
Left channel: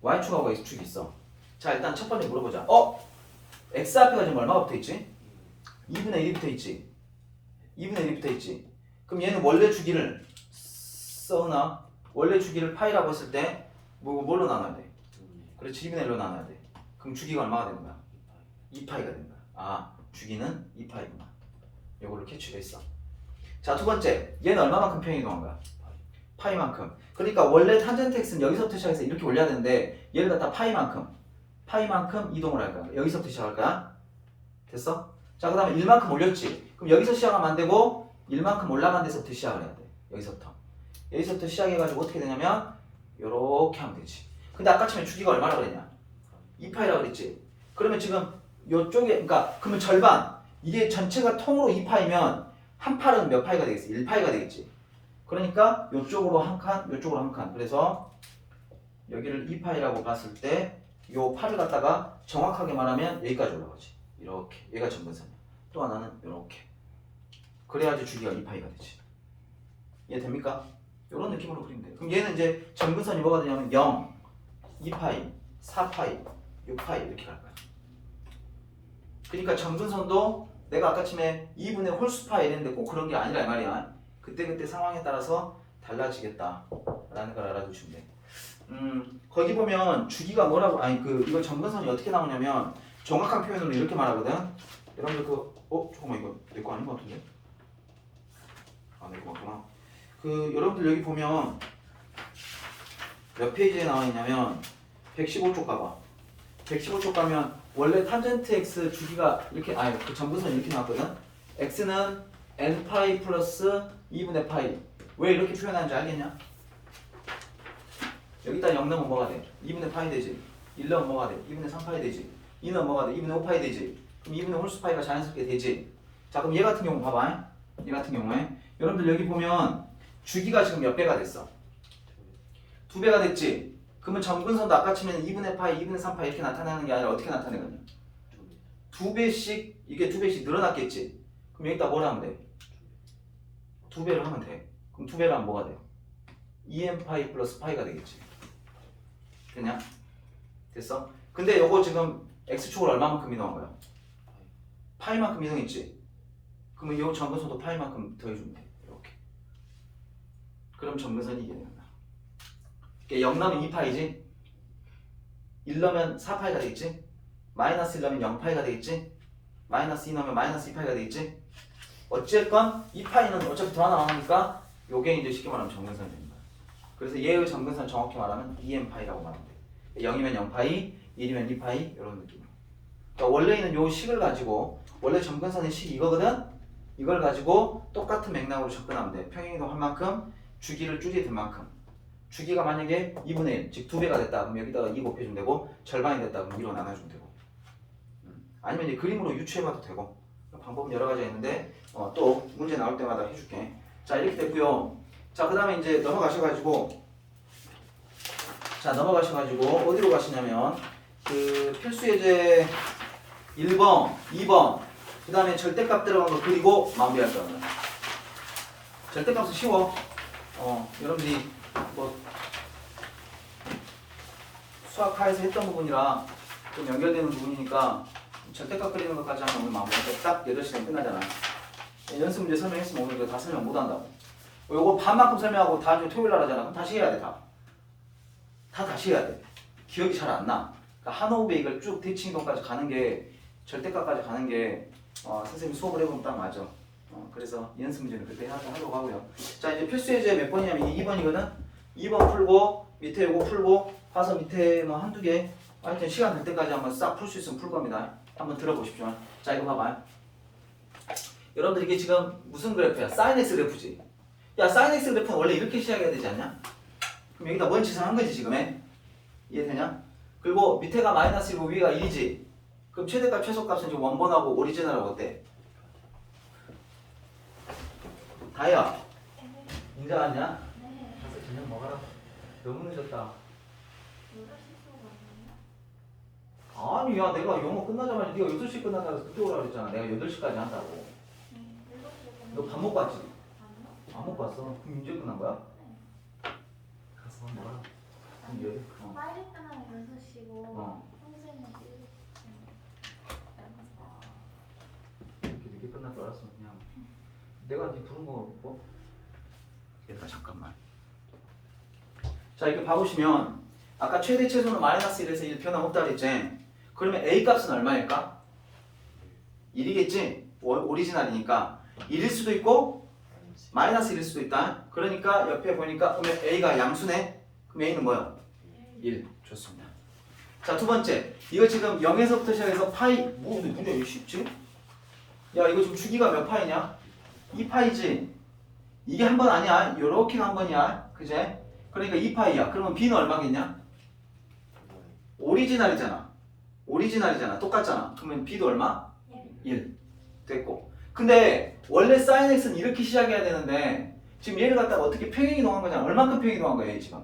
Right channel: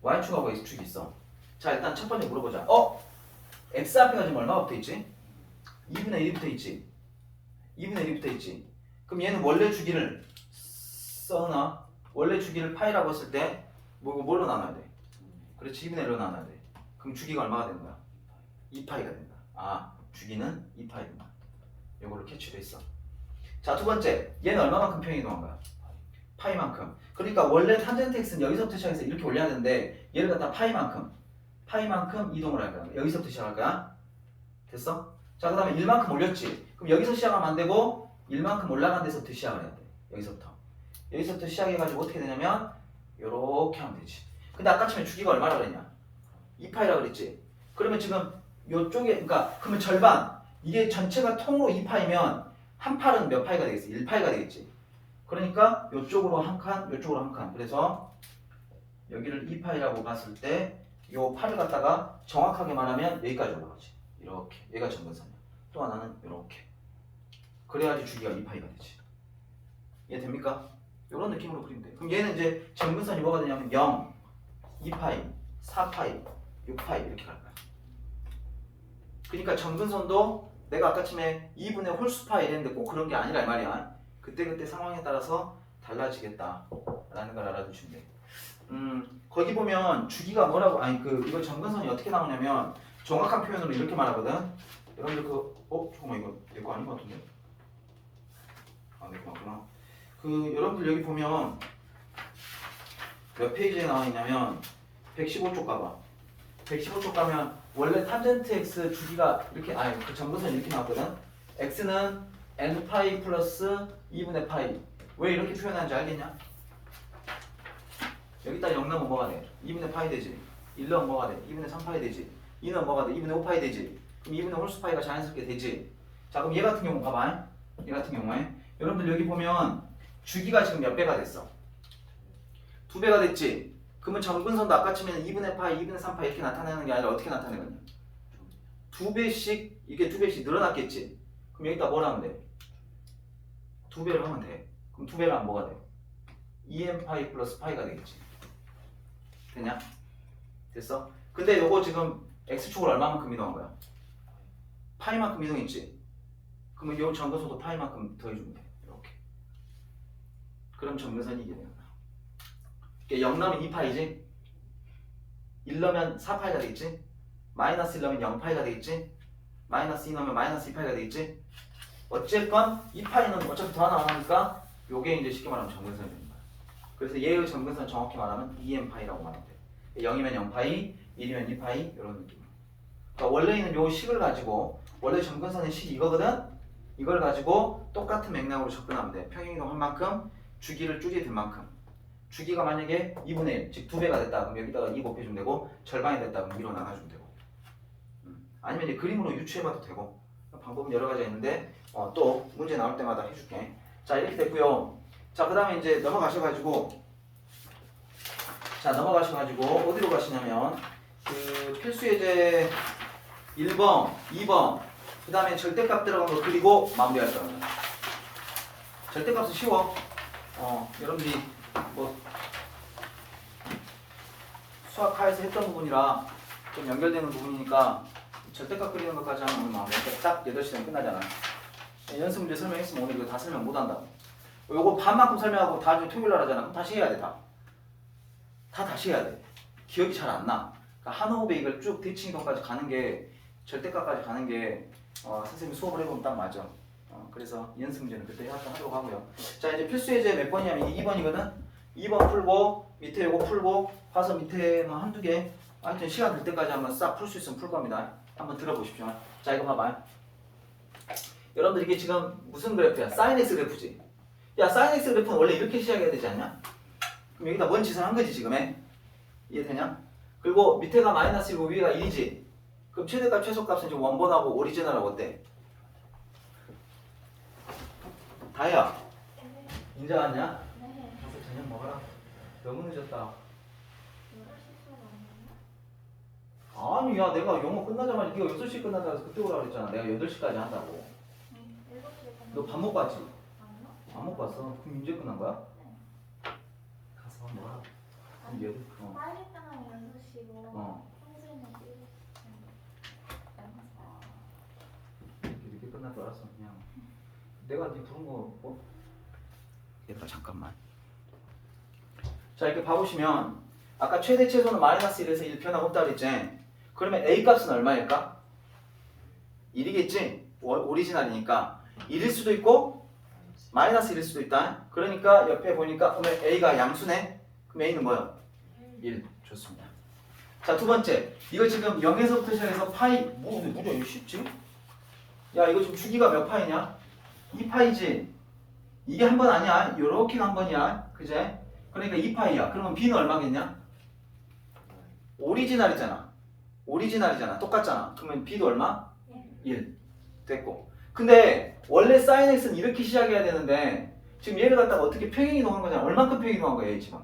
y축하고 x축이 있어. 자, 일단 첫 번째 물어보자. x 앞에가 지금 얼마가 붙어있지? 2분의 1이 붙어있지. 2분의 1이 붙어있지. 그럼 얘는 원래 주기를 써나? 원래 주기를 파이라고 했을 때 뭘로 나눠야 돼? 그렇지, 2분의 1로 나눠야 돼. 그럼 주기가 얼마가 되는 거야? 2파이가 된다. 주기는 2파이구나. 요거를 캐치했어. 자, 두 번째. 얘는 얼마만큼 평행이동한 거야? 파이만큼. 그러니까 원래 탄젠트 x는 여기서부터 시작해서 이렇게 올려야 되는데 얘를 갖다 파이만큼 이동을 할 거야. 여기서부터 시작할 거야. 됐어? 자, 그 다음에 1만큼 올렸지. 그럼 여기서 시작하면 안 되고 1만큼 올라간 데서부터 시작을 해야 돼. 여기서부터 시작해가지고 어떻게 되냐면 요렇게 하면 되지. 근데 아까 처음에 주기가 얼마라고 그랬냐? 2파이라고 그랬지. 그러면 지금 요쪽에 그러면 절반. 이게 전체가 통으로 2파이면 한 팔은 몇 파이가 되겠어? 1파이가 되겠지. 그러니까 요쪽으로 한 칸, 요쪽으로 한 칸. 그래서 여기를 2파이라고 봤을 때 요 팔을 갖다가 정확하게 말하면 여기까지 올라가지. 이렇게. 얘가 점근선이야. 또 하나는 이렇게. 그래야지 주기가 2파이가 되지. 이해됩니까? 이런 느낌으로 그리면 돼. 그럼 얘는 이제 점근선이 뭐가 되냐면 0, 2파이, 4파이, 6파이 이렇게 갈 거야. 그러니까 점근선도 내가 아까 처음에 2분의 홀수파이 이랬는데 꼭 그런 게 아니라 이 말이야. 그때그때 상황에 따라서 달라지겠다라는 걸 알아두시면 돼. 거기 보면 주기가 뭐라고 이거 점근선이 어떻게 나오냐면 정확한 표현으로 이렇게 말하거든. 여러분들 잠깐만 이거 내 거 아닌 것 같은데? 내 거 맞구나. 여러분들 여기 보면 몇 페이지에 나와 있냐면 115쪽 가봐. 115쪽 가면 원래 탄젠트 x 주기가 이렇게 아니 그 점근선이 이렇게 나왔거든. x는 n파이 플러스 2분의 파이. 왜 이렇게 표현하는지 알겠냐? 여기다 0 넣으면 뭐가 돼? 2분의 파이 되지. 1 넣으면 뭐가 돼? 2분의 3파이 되지. 2 넣으면 뭐가 돼? 2분의 5파이 되지. 그럼 2분의 홀수파이가 자연스럽게 되지. 자 그럼 얘 같은 경우 봐봐. 얘 같은 경우에 여러분들 여기 보면 주기가 지금 몇 배가 됐어? 2배가 됐지. 그러면 점근선도 아까 치면 2분의 파이, 2분의 3파이 이렇게 나타내는 게 아니라 어떻게 나타내거든요? 2배씩 이게 2배씩 늘어났겠지. 그럼 여기다 뭘 하면 돼? 2배를 하면 돼. 그럼 2배를 하면 뭐가 돼요? 2n 파이 플러스 파이가 되겠지. 되냐? 됐어? 근데 요거 지금 x축을 얼마만큼 이동한 거야? 파이만큼 이동했지. 그러면 요 점근선도 파이만큼 더해주면 돼. 이렇게. 그럼 점근선이 이게 되는 거야. 0 넣으면 2파이지. 1 넣으면 4파이가 되겠지. 마이너스 1 넣으면 0파이가 되겠지. 마이너스 2 넣으면 마이너스 2파이가 되겠지. 어쨌건 2파이는 어차피 더 하나 하니까 요게 이제 쉽게 말하면 점근선이 됩니다. 그래서 얘의 점근선 정확히 말하면 2n파이라고 말하면 돼. 0이면 0파이, 1이면 2파이 이런 느낌. 그러니까 원래는 요 식을 가지고 원래 점근선의 식이 이거거든. 이걸 가지고 똑같은 맥락으로 접근하면 돼. 평행이동 할 만큼 주기를 줄이게 된 만큼. 주기가 만약에 2분의 1, 즉 2배가 됐다. 그럼 여기다가 2 곱해주면 되고 절반이 됐다. 그럼 위로 나눠주면 되고. 아니면 이제 그림으로 유추해봐도 되고. 방법은 여러 가지가 있는데 또 문제 나올 때마다 해줄게. 자 이렇게 됐고요. 자 그 다음에 이제 넘어가셔가지고 어디로 가시냐면 그 필수예제 1번, 2번 그 다음에 절대값 들어간 거 그리고 마무리할 거예요. 절대값은 쉬워. 여러분들이 뭐 수학하에서 했던 부분이라 좀 연결되는 부분이니까 절대값 그리는 것까지 하면 오늘 마무리. 딱 8시 되면 끝나잖아요. 연습 문제 설명했으면 오늘 이거 다 설명 못 한다고. 요거 반만큼 설명하고 다음 주에 토요일 날 하잖아. 그럼 다시 해야 돼. 다 다시 해야 돼. 기억이 잘 안 나. 그러니까 한 호흡에 이걸 쭉 대칭이동까지 가는 게 절대값까지 가는 게 선생님이 수업을 해보면 딱 맞아. 그래서 이 연습 문제는 그때 하도록 하고요. 자 이제 필수 예제 몇 번이냐면 2번이거든. 2번 풀고 밑에 요거 풀고 봐서 밑에 뭐 한두 개 하여튼 시간 될 때까지 한번 싹 풀 수 있으면 풀 겁니다. 한번 들어보십시오. 자 이거 봐봐요. 여러분들 이게 지금 무슨 그래프야? 사인 x 그래프지. 야 사인 x 그래프는 원래 이렇게 시작해야 되지 않냐? 그럼 여기다 뭔 짓을 한 거지 지금에? 이해되냐? 그리고 밑에가 마이너스 1고 위에가 1이지. 그럼 최대값 최소값은 지금 원본하고 오리지널하고 어때? 다혜야 이제 왔냐? 네. 가서 저녁 먹어라. 너무 늦었다. 아니 야 내가 영어 끝나자마자 네가 6시 끝난다고 해서 그때 오라고 그랬잖아. 내가 8시까지 한다고. 너 밥 먹고 왔지? 안 먹고 왔어. 그럼 이제 끝난 거야? 가서 밥 먹어라. 그럼 얘 빨리 끝나면 6시고 평소에는 7시. 이렇게 늦게 끝날 줄 알았어. 그냥 내가 네 부른 거 뭐? 얘들아 잠깐만. 자 이렇게 봐보시면 아까 최대 최소는 마이너스 1에서 1 변함 없다 그랬지? 그러면 A 값은 얼마일까? 1이겠지? 오리지널이니까 1일 수도 있고 마이너스 1일 수도 있다. 그러니까 옆에 보니까 그러면 A가 양수네? 그럼 A는 뭐야? 1. 좋습니다. 자 두 번째 이거 지금 0에서부터 시작해서 파이 뭐야 이거 쉽지? 야 이거 지금 주기가 몇 파이냐? 2파이지? 이게 한 번 아니야. 요렇게 한 번이야. 그제? 그러니까 2파이야. 그러면 B는 얼마겠냐? 오리지널이잖아. 똑같잖아. 그러면 B도 얼마? 1. 됐고. 근데 원래 sin x는 이렇게 시작해야 되는데 지금 얘를 갖다가 어떻게 평행 이동한 거잖아. 얼만큼 평행 이동한 거야, 얘 지금?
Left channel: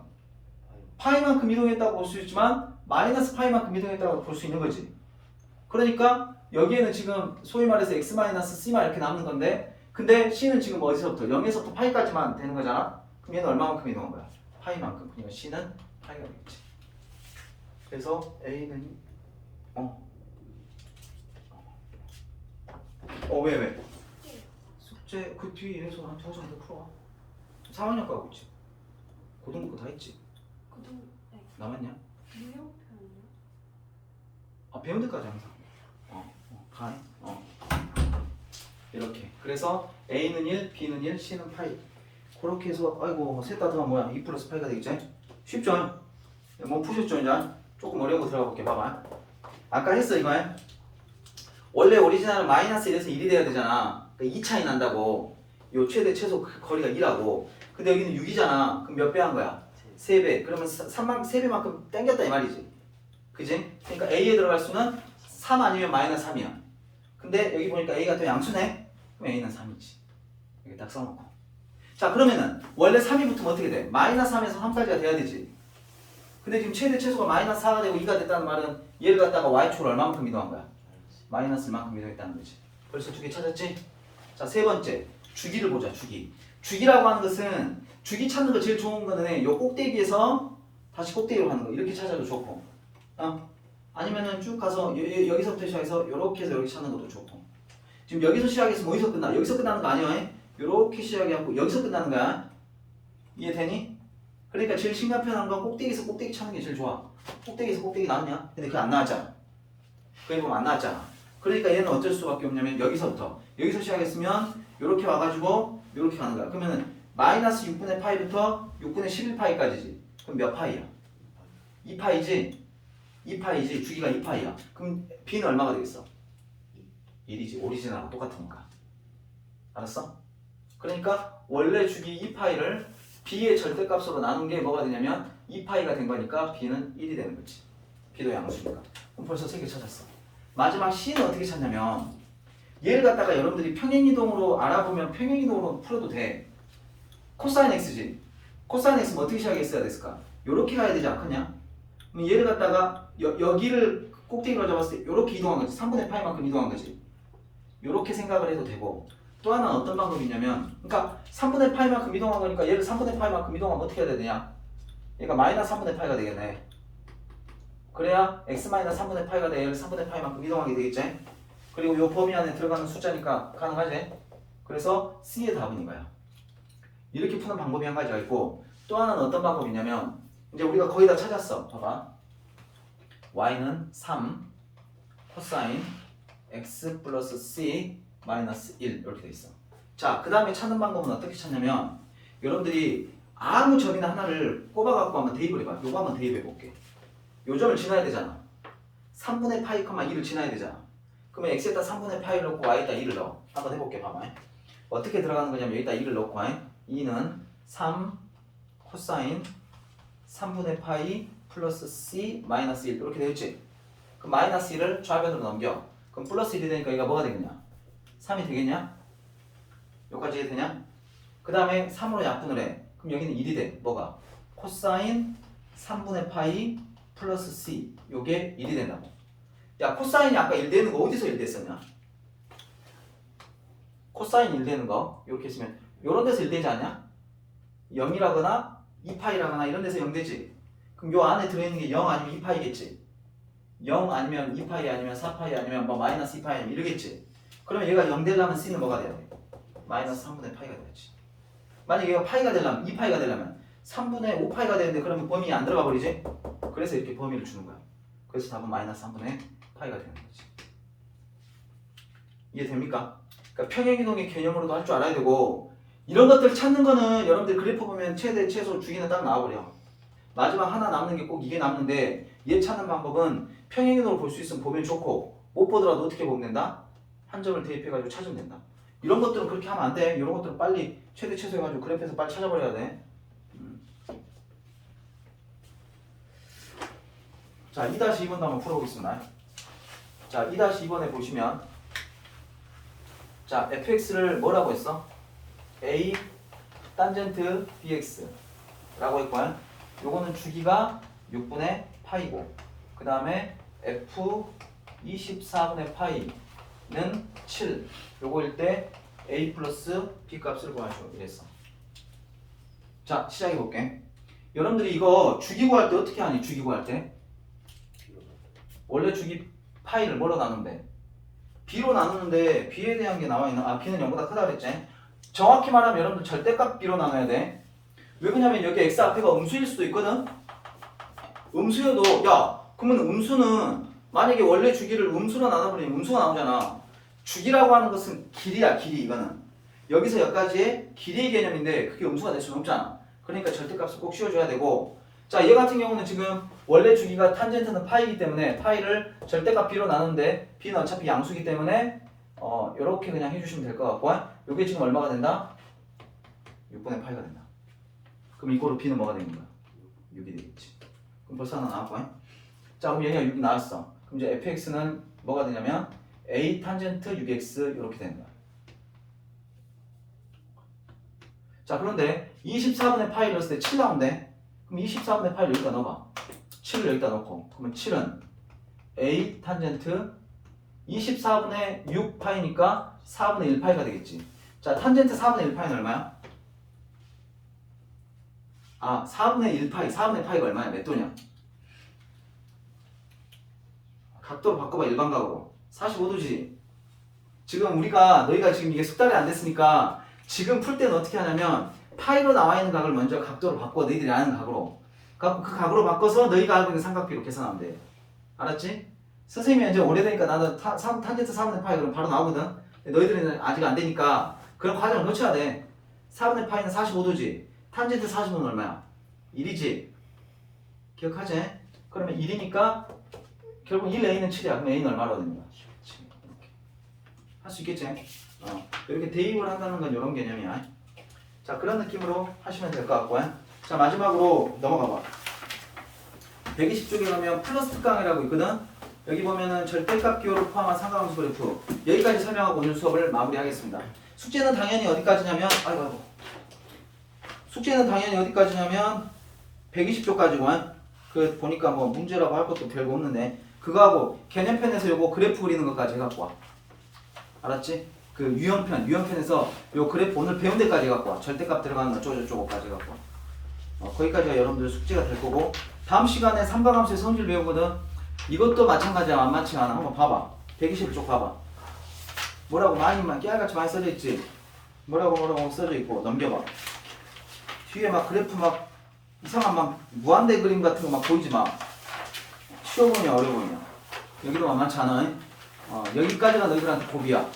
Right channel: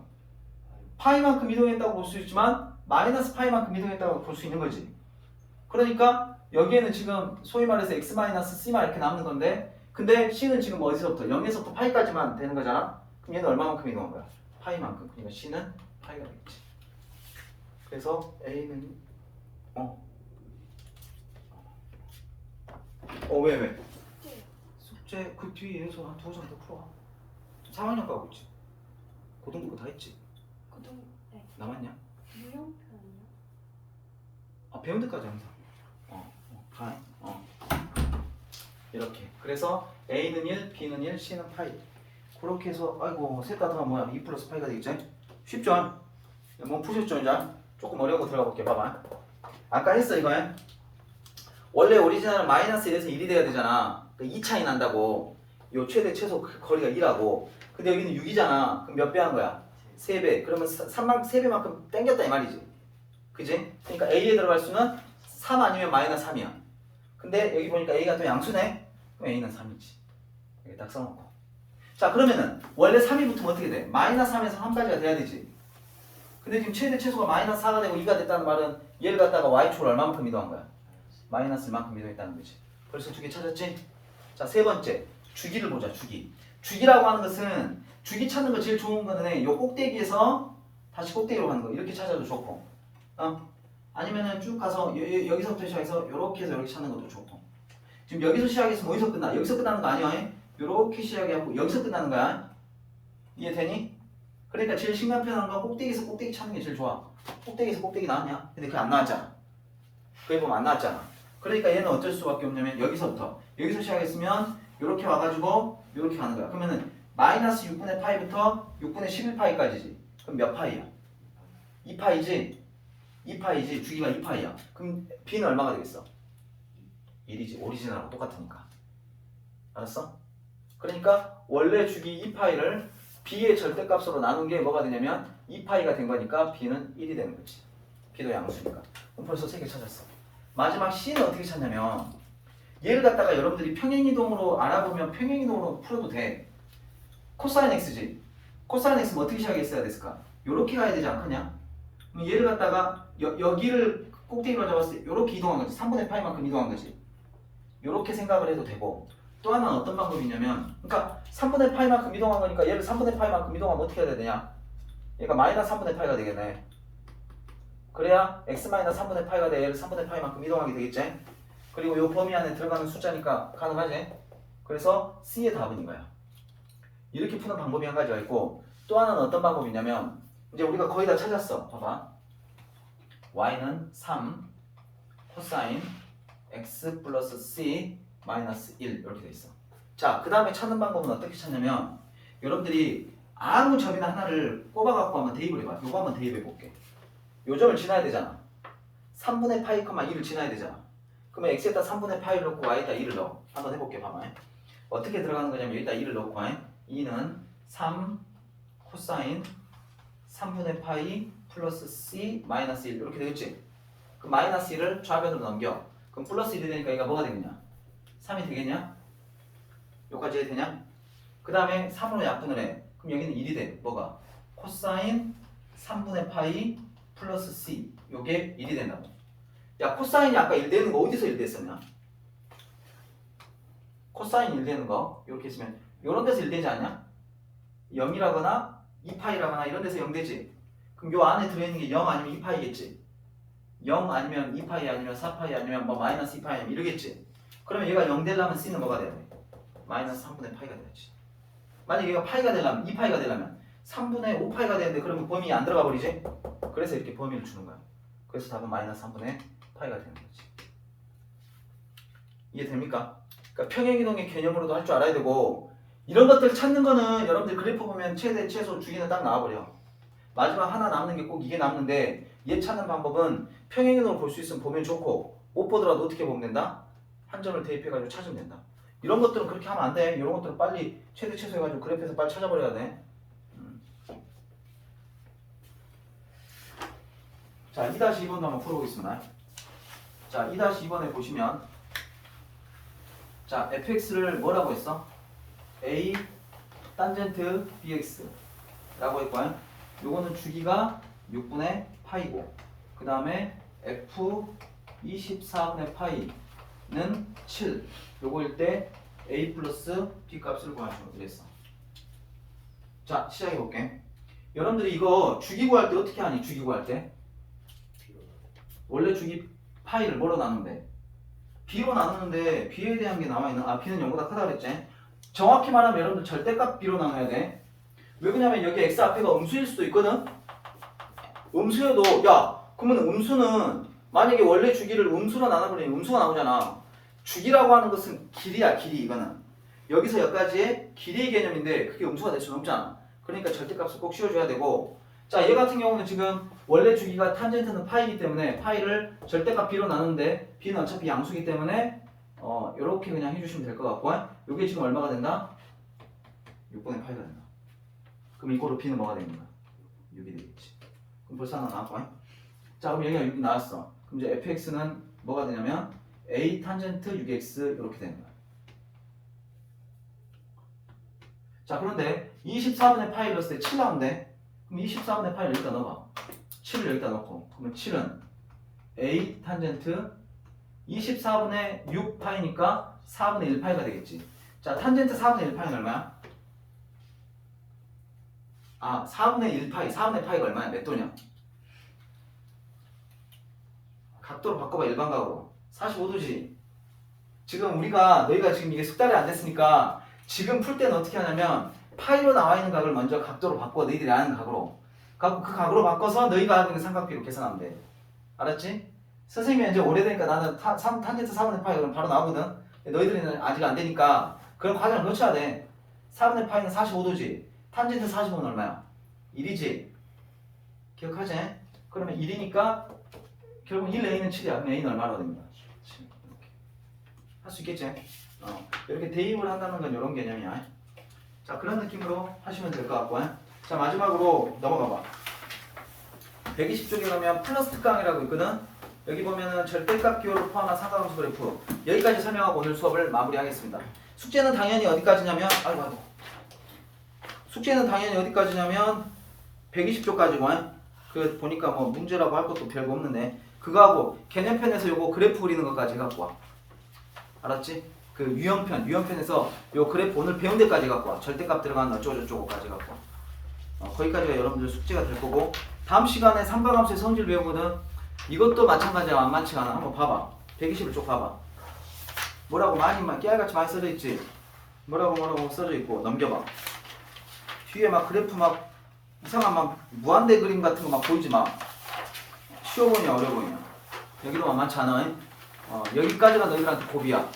파이만큼 이동했다고 볼 수 있지만 마이너스 파이만큼 이동했다고 볼 수 있는 거지. 그러니까 여기에는 지금 소위 말해서 x 마이너스 c만 이렇게 남는 건데 근데 c는 지금 어디서부터? 0에서부터 파이까지만 되는 거잖아. 그럼 얘는 얼마만큼 이동한 거야? 파이만큼. 그러니까 c는 파이가 되겠지. 그래서 a는 왜? 숙제 그 뒤에 해서 한 2시간 더 풀어. 3학년 가고 있지. 고등부 다 했지. 네. 남았냐? 유형편이요? 배운 데까지 항상. 다 해. 이렇게. 그래서 A는 1, B는 1, C는 파이. 그렇게 해서 아이고 셋 다 더하면 뭐야? 2 플러스 파이가 되겠지? 쉽죠? 뭐 푸셨죠 이제? 조금 어려운 거 들어가 볼게. 봐봐. 아까 했어 이거. 원래 오리지널은 마이너스 1에서 1이 돼야 되잖아. 그러니까 2 차이 난다고. 요 최대 최소 거리가 2라고. 근데 여기는 6이잖아. 그럼 몇 배 한 거야? 3배. 그러면 3배만큼 땡겼다 이 말이지. 그지? 그러니까 A에 들어갈 수는 3 아니면 마이너스 3이야. 근데 여기 보니까 A가 또 양수네? 그럼 A는 3이지. 여기 딱 써놓고. 자 그러면은 원래 3이 붙으면 어떻게 돼? 마이너스 3에서 3까지가 돼야 되지. 근데 지금 최대 최소가 마이너스 4가 되고 2가 됐다는 말은 얘를 갖다가 Y축으로 얼마만큼 이동한 거야? 마이너스 1만큼 이동했다는 거지. 벌써 두 개 찾았지? 자 세 번째 주기를 보자. 주기라고 하는 것은 주기 찾는 거 제일 좋은 거는 요 꼭대기에서 다시 꼭대기로 가는 거 이렇게 찾아도 좋고 아니면은 쭉 가서 여기서부터 시작해서 요렇게 해서 이렇게 찾는 것도 좋고 지금 여기서 시작해서 어디서 끝나? 여기서 끝나는 거 아니야? 요렇게 시작하고 여기서 끝나는 거야. 이해되니? 그러니까 제일 심간편한 건 꼭대기에서 꼭대기 찾는 게 제일 좋아. 꼭대기에서 꼭대기 나왔냐? 근데 그거 안 나왔잖아. 거기 보면 안 나왔잖아. 그러니까 얘는 어쩔 수밖에 없냐면 여기서 시작했으면 요렇게 와가지고 요렇게 가는 거야. 그러면은 마이너스 6분의 파이부터 6분의 11파이까지지. 그럼 몇 파이야? 2파이지? 2파이지. 주기가 2파이야. 그럼 b는 얼마가 되겠어? 1이지. 오리지널하고 똑같으니까. 알았어? 그러니까 원래 주기 2파이를 b의 절대값으로 나눈 게 뭐가 되냐면 2파이가 된 거니까 b는 1이 되는 거지. b도 양수니까. 그럼 벌써 3개 찾았어. 마지막 c는 어떻게 찾냐면 얘를 갖다가 여러분들이 평행이동으로 알아보면 평행이동으로 풀어도 돼. 코사인 x지. 코사인 x는 어떻게 시작했어야 됐을까? 요렇게 가야 되지 않겠냐? 그럼 얘를 갖다가 여기를 꼭대기로 잡았을 때 요렇게 이동한 거지. 3분의 파이만큼 이동한 거지. 요렇게 생각을 해도 되고 또 하나는 어떤 방법이 있냐면 그러니까 3분의 파이만큼 이동한 거니까 얘를 3분의 파이만큼 이동하면 어떻게 해야 되냐? 얘가 마이너스 3분의 파이가 되겠네. 그래야 x 마이너스 3분의 파이가 돼. 얘를 3분의 파이만큼 이동하게 되겠지? 그리고 요 범위 안에 들어가는 숫자니까 가능하지? 그래서 C의 답은 이거야. 이렇게 푸는 방법이 한 가지가 있고 또 하나는 어떤 방법이냐면 이제 우리가 거의 다 찾았어. 봐봐. y는 3 코사인 x 플러스 c 마이너스 1 이렇게 돼 있어. 자, 그 다음에 찾는 방법은 어떻게 찾냐면 여러분들이 아무 점이나 하나를 꼽아갖고 한번 대입을 해봐. 요거 한번 대입해 볼게. 요 점을 지나야 되잖아. 3분의 파이, 1을 지나야 되잖아. 그러면 x에다 3분의 파이를 넣고 y에다 2를 넣어. 한번 해볼게. 봐봐. 어떻게 들어가는 거냐면 여기다 2를 넣고 2는 3 코사인 3분의 파이 플러스 c 마이너스 1 이렇게 되겠지? 그럼 마이너스 1을 좌변으로 넘겨. 그럼 플러스 1이 되니까 얘가 뭐가 되겠냐? 3이 되겠냐? 여기까지 해도 되냐? 그 다음에 3으로 약분을 해. 그럼 여기는 1이 돼. 뭐가? 코사인 3분의 파이 플러스 c 요게 1이 된다고. 야 코사인이 아까 1 되는 거 어디서 1 됐었냐? 코사인 1 되는 거 이렇게 있으면 요런 데서 1 되지 않냐? 0이라거나 2파이라거나 이런 데서 0 되지? 그럼 요 안에 들어있는 게 0 아니면 2파이겠지? 0 아니면 2파이 아니면 4파이 아니면 뭐 마이너스 2파이 이러겠지? 그러면 얘가 0 되려면 c는 뭐가 돼야 돼? 마이너스 3분의 파이가 돼야지. 만약에 얘가 파이가 되려면 2파이가 되려면 3분의 5파이가 되는데 그러면 범위에 안 들어가 버리지? 그래서 이렇게 범위를 주는 거야. 그래서 답은 마이너스 3분의 파이가 되는 거지. 이해됩니까? 그러니까 평행이동의 개념으로도 할 줄 알아야 되고 이런 것들 찾는 거는 여러분들 그래프 보면 최대, 최소, 주기는 딱 나와버려. 마지막 하나 남는 게 꼭 이게 남는데 얘 찾는 방법은 평행이동을 볼 수 있으면 보면 좋고 못 보더라도 어떻게 보면 된다? 한 점을 대입해가지고 찾으면 된다. 이런 것들은 그렇게 하면 안 돼. 이런 것들은 빨리 최대, 최소 해가지고 그래프에서 빨리 찾아버려야 돼. 자, 2-2번도 한번 풀어보겠습니다. 자, 2-2번에 보시면 자, fx를 뭐라고 했어? a 탄젠트 bx 라고 했고 요거는 주기가 6분의 파이고 그 다음에 f 24분의 파이는 7 요거일 때 a 플러스 b 값을 구하시오 이랬어. 자, 시작해 볼게. 여러분들이 이거 주기 구할 때 어떻게 하니? 주기 구할 때 원래 주기 파이를 뭐로 나누는데? b로 나누는데 b에 대한 게 나와 있나? b는 0보다 크다 그랬지? 정확히 말하면 여러분들 절대값 b로 나눠야 돼. 왜 그러냐면 여기 x 앞에가 음수일 수도 있거든? 음수여도 야 그러면 음수는 만약에 원래 주기를 음수로 나눠버리면 음수가 나오잖아. 주기라고 하는 것은 길이야. 길이 이거는 여기서 여기까지의 길이의 개념인데 그게 음수가 될 수는 없잖아. 그러니까 절대값을 꼭 씌워줘야 되고 자 얘 같은 경우는 지금 원래 주기가 탄젠트는 파이기 때문에 파이를 절대값 b로 나누는데 b는 어차피 양수기 때문에 이렇게 그냥 해주시면 될 것 같고 이게 지금 얼마가 된다? 6분의 파이가 된다. 그럼 이거로 b는 뭐가 되는 거야? 6이 되겠지. 그럼 벌써 하나 나왔고 자 그럼 여기가 6 나왔어. 그럼 이제 fx는 뭐가 되냐면 a 탄젠트 6x 이렇게 되는 거야. 자 그런데 24분의 파이를 넣었을 때 7 나온대. 그럼 24분의 파이를 여기다 넣어봐. 7을 여기다 넣고 그러면 7은 a 탄젠트 24분의 6 파이니까 4분의 1 파이가 되겠지. 자 탄젠트 4분의 1 파이는 얼마야? 4분의 1 파이 4분의 파이가 얼마야? 몇 도냐? 각도로 바꿔봐. 일반각으로 45도지. 지금 너희가 지금 이게 숙달이 안 됐으니까 지금 풀 때는 어떻게 하냐면 파이로 나와 있는 각을 먼저 각도로 바꿔. 너희들이 아는 각으로. 그 각으로 바꿔서 너희가 하고 있는 삼각비로 계산하면 돼. 알았지? 선생님이 이제 오래되니까 나는 탄젠트 4분의 파이 그럼 바로 나오거든. 너희들은 아직 안 되니까 그런 과정을 거쳐야 돼. 4분의 파이는 45도지. 탄젠트 45는 얼마야? 1이지. 기억하지? 그러면 1이니까 결국 1a는 7이야. 그럼 a는 얼마로 됩니까? 7. 이렇게. 할 수 있겠지? 이렇게 대입을 한다는 건 이런 개념이야. 자, 그런 느낌으로 하시면 될 것 같고요. 자, 마지막으로 넘어가 봐. 120쪽에 가면 플러스 특강이라고 있거든. 여기 보면은 절대값 기호를 포함한 상가함수 그래프. 여기까지 설명하고 오늘 수업을 마무리하겠습니다. 숙제는 당연히 어디까지냐면 숙제는 당연히 어디까지냐면 120쪽까지만. 그 보니까 뭐 문제라고 할 것도 별거 없는데 그거하고 개념편에서 요거 그래프 그리는 것까지 갖고 와. 알았지? 그 유형편에서 요 그래프 오늘 배운 데까지 갖고 와. 절대값 들어가는 어쩌고저쩌고까지 갖고 와. 거기까지가 여러분들 숙제가 될 거고 다음 시간에 삼방함수의 성질 배우거든. 이것도 마찬가지야. 만만치 않아. 한번 봐봐. 121쪽 봐봐. 뭐라고 깨알같이 많이 써져 있지? 뭐라고 써져 있고 넘겨봐. 뒤에 막 그래프 막 이상한 막 무한대 그림 같은 거 막 보이지 마. 쉬워 보이냐 어려워 보이냐. 여기도 만만치 않아. 여기까지가 너희들한테 고비야.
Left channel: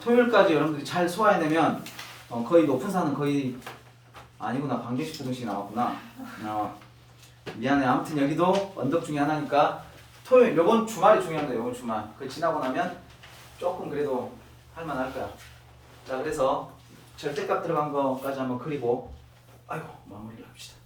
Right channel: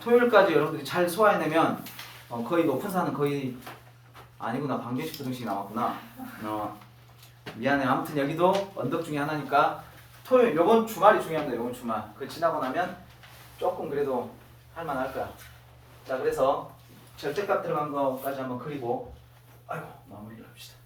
토요일까지 여러분들이 잘 소화해내면 거의 높은 산은 거의 아니구나. 반개씩 부등씩 남았구나. 미안해. 아무튼 여기도 언덕 중에 하나니까 토요일 요번 주말이 중요합니다. 요번 주말. 그 지나고 나면 조금 그래도 할만할 거야. 자 그래서 절대값 들어간 거까지 한번 그리고 마무리를 합시다.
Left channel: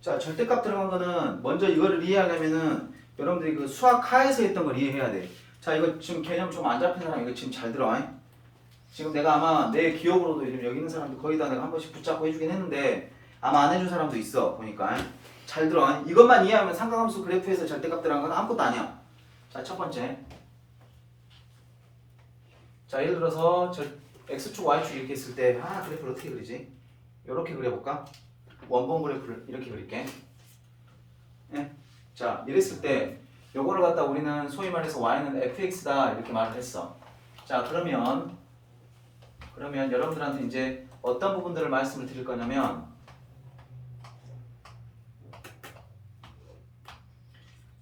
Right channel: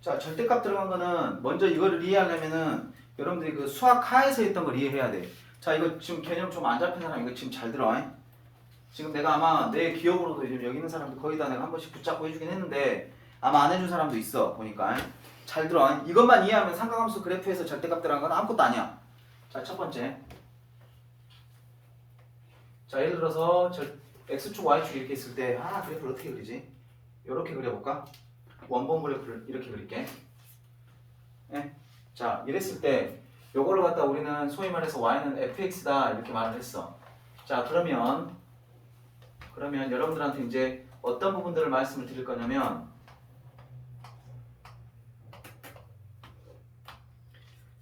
자, 절대값 들어간 거는 먼저 이거를 이해하려면은 여러분들이 그 수학 하에서 했던 걸 이해해야 돼. 자, 이거 지금 개념 좀 안 잡힌 사람 이거 지금 잘 들어. 지금 내가 아마 내 기억으로도 지금 여기 있는 사람들 거의 다 내가 한 번씩 붙잡고 해주긴 했는데 아마 안 해준 사람도 있어 보니까. 잘 들어. 이것만 이해하면 삼각함수 그래프에서 절대값 들어간 건 아무것도 아니야. 자, 첫 번째. 자, 예를 들어서 x축 y축 이렇게 했을 때 그래프를 어떻게 그리지? 이렇게 그려볼까? 원본 그래프를 이렇게 그릴게. 자, 이랬을 때 요거를 갖다 우리는 소위 말해서 y는 fx다 이렇게 말을 했어. 자, 그러면 여러분들한테 이제 어떤 부분들을 말씀을 드릴 거냐면